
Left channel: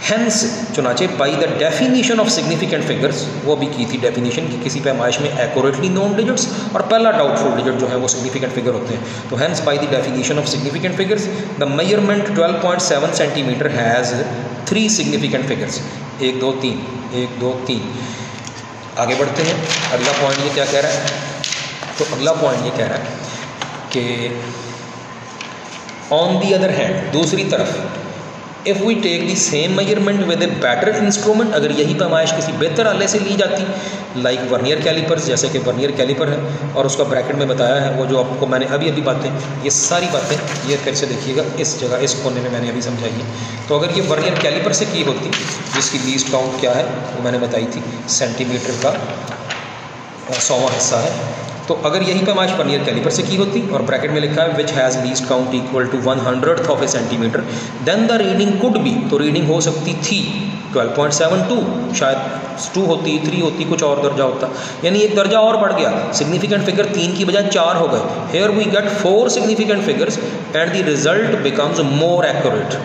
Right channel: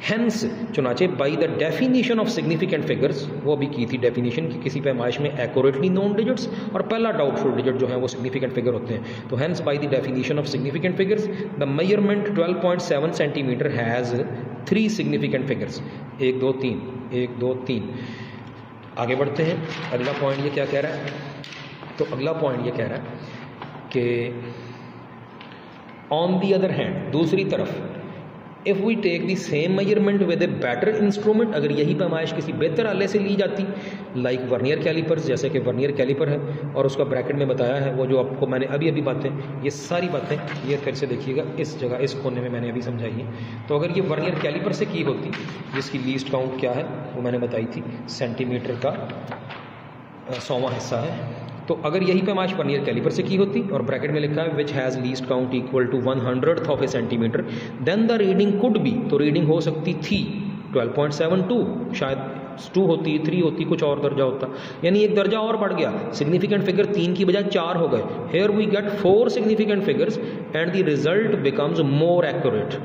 हैंस चुनाचे by the definition of significant figures, वो भी की थी डेफिनीशन कि किसी पैमाइश में एक्यूरेटली नोन डिजिट्स और पहला डाउटफुल डिजिट जो है वो सिग्निफिकेंट फिगर होते हैं। तो hence by the definition of significant figures the measurement 12.7 centimetre has 3 significant figures. 1 2 3, 1 2 3। आगे बढ़ते हैं। अगला पॉइंट ये क्या कह रहा है, तो अगला पॉइंट ये कह रहा है कि ऑन दी अदर हैंड, दूसरी तरफ, if we take the same measurement with a better instrument, अगर यही पैमाइश किसी बेहतर आले से ली जाती, लाइक वर्नियर कैलिपर्स, जैसे कि वर्नियर कैलिपर है और उसका ब्रैकेट में बताया है वो जो आपको मैंने अभी अभी बातें, ये सारी बातें ये फिर से देखिएगा इस जगह, इस कोने में मैंने अभी समझाई है। तो अगर ये वर्नियर कैलिपर से की होती, जिसकी लीस्ट काउंट क्या है वो मैंने बताई थी, सेंटीमीटर का 100वां हिस्सा है। तो अगर यही पैमाइश वर्नियर कैलिपर से की होती और ब्रैकेट में लिखा है which has least count equal to 100th of a centimetre, then the reading could be, तो रीडिंग हो सकती थी 12.72, शायद 2 होती, 3 होती, कुछ और दर्जा होता, यानी एक दर्जा और बढ़ गया। सिग्निफिकेंट फिगर 3 की बजाय 4 हो गए। Here we get 4 significant figures and the result becomes more accurate.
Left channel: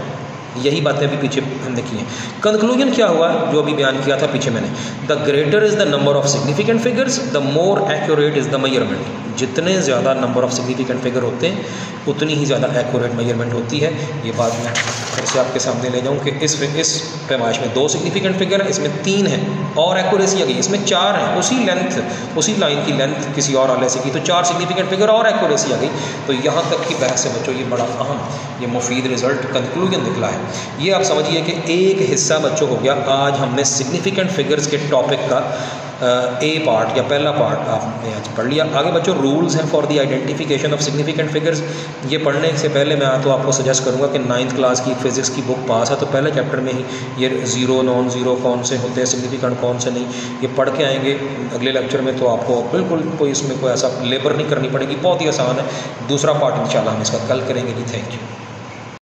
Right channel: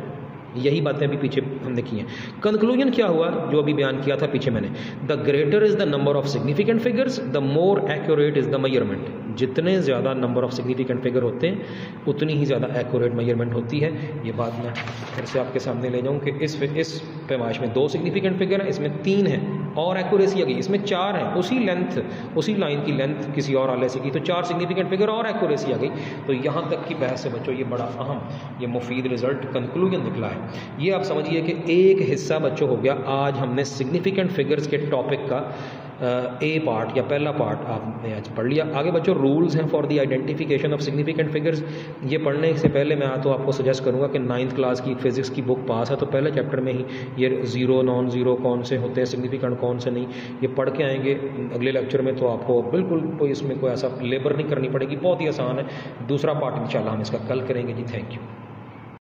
यही बातें अभी पीछे हमने की हैं। कंक्लूजन क्या हुआ जो अभी बयान किया था पीछे मैंने, the greater is the number of significant figures the more accurate is the measurement. जितने ज़्यादा नंबर ऑफ सिग्निफिकेंट फिगर होते हैं उतनी ही ज़्यादा एक्यूरेट मेजरमेंट होती है। ये बात मैं फिर से आपके सामने ले जाऊँ कि इस पैमाइश में 2 सिग्निफिकेंट फिगर हैं, इसमें 3 हैं और एक्यूरेसी आ गई, इसमें 4 हैं। उसी लेंथ, उसी लाइन की लेंथ किसी और आले से की तो 4 सिग्निफिकेंट फिगर और एक्यूरेसी आ गई। तो यहाँ तक की बहस से बच्चों ये बड़ा अहम, ये मुफीद रिज़ल्ट कंक्लूजन निकला है। ये आप समझिए कि एक हिस्सा बच्चों हो गया आज हमने सिग्निफिकेंट फिगर्स के टॉपिक का ए पार्ट या पहला पार्ट आपने आज पढ़ लिया। आगे बच्चों रूल्स हैं for the identification of significant figures. ये पढ़ने से पहले मैं तो आपको सजेस्ट करूँगा कि 9th क्लास की फिज़िक्स की बुक पास है तो पहले चैप्टर में ही ये ज़ीरो नॉन ज़ीरो कौन से होते हैं, सिग्निफिकेंट कौन से नहीं, ये पढ़ के आएंगे अगले लेक्चर में तो आपको बिल्कुल कोई इसमें कोई ऐसा लेबर नहीं करनी पड़ेगी, बहुत ही आसान है। दूसरा पार्ट इंशाल्लाह हम इसका कल करेंगे जी। Thank you.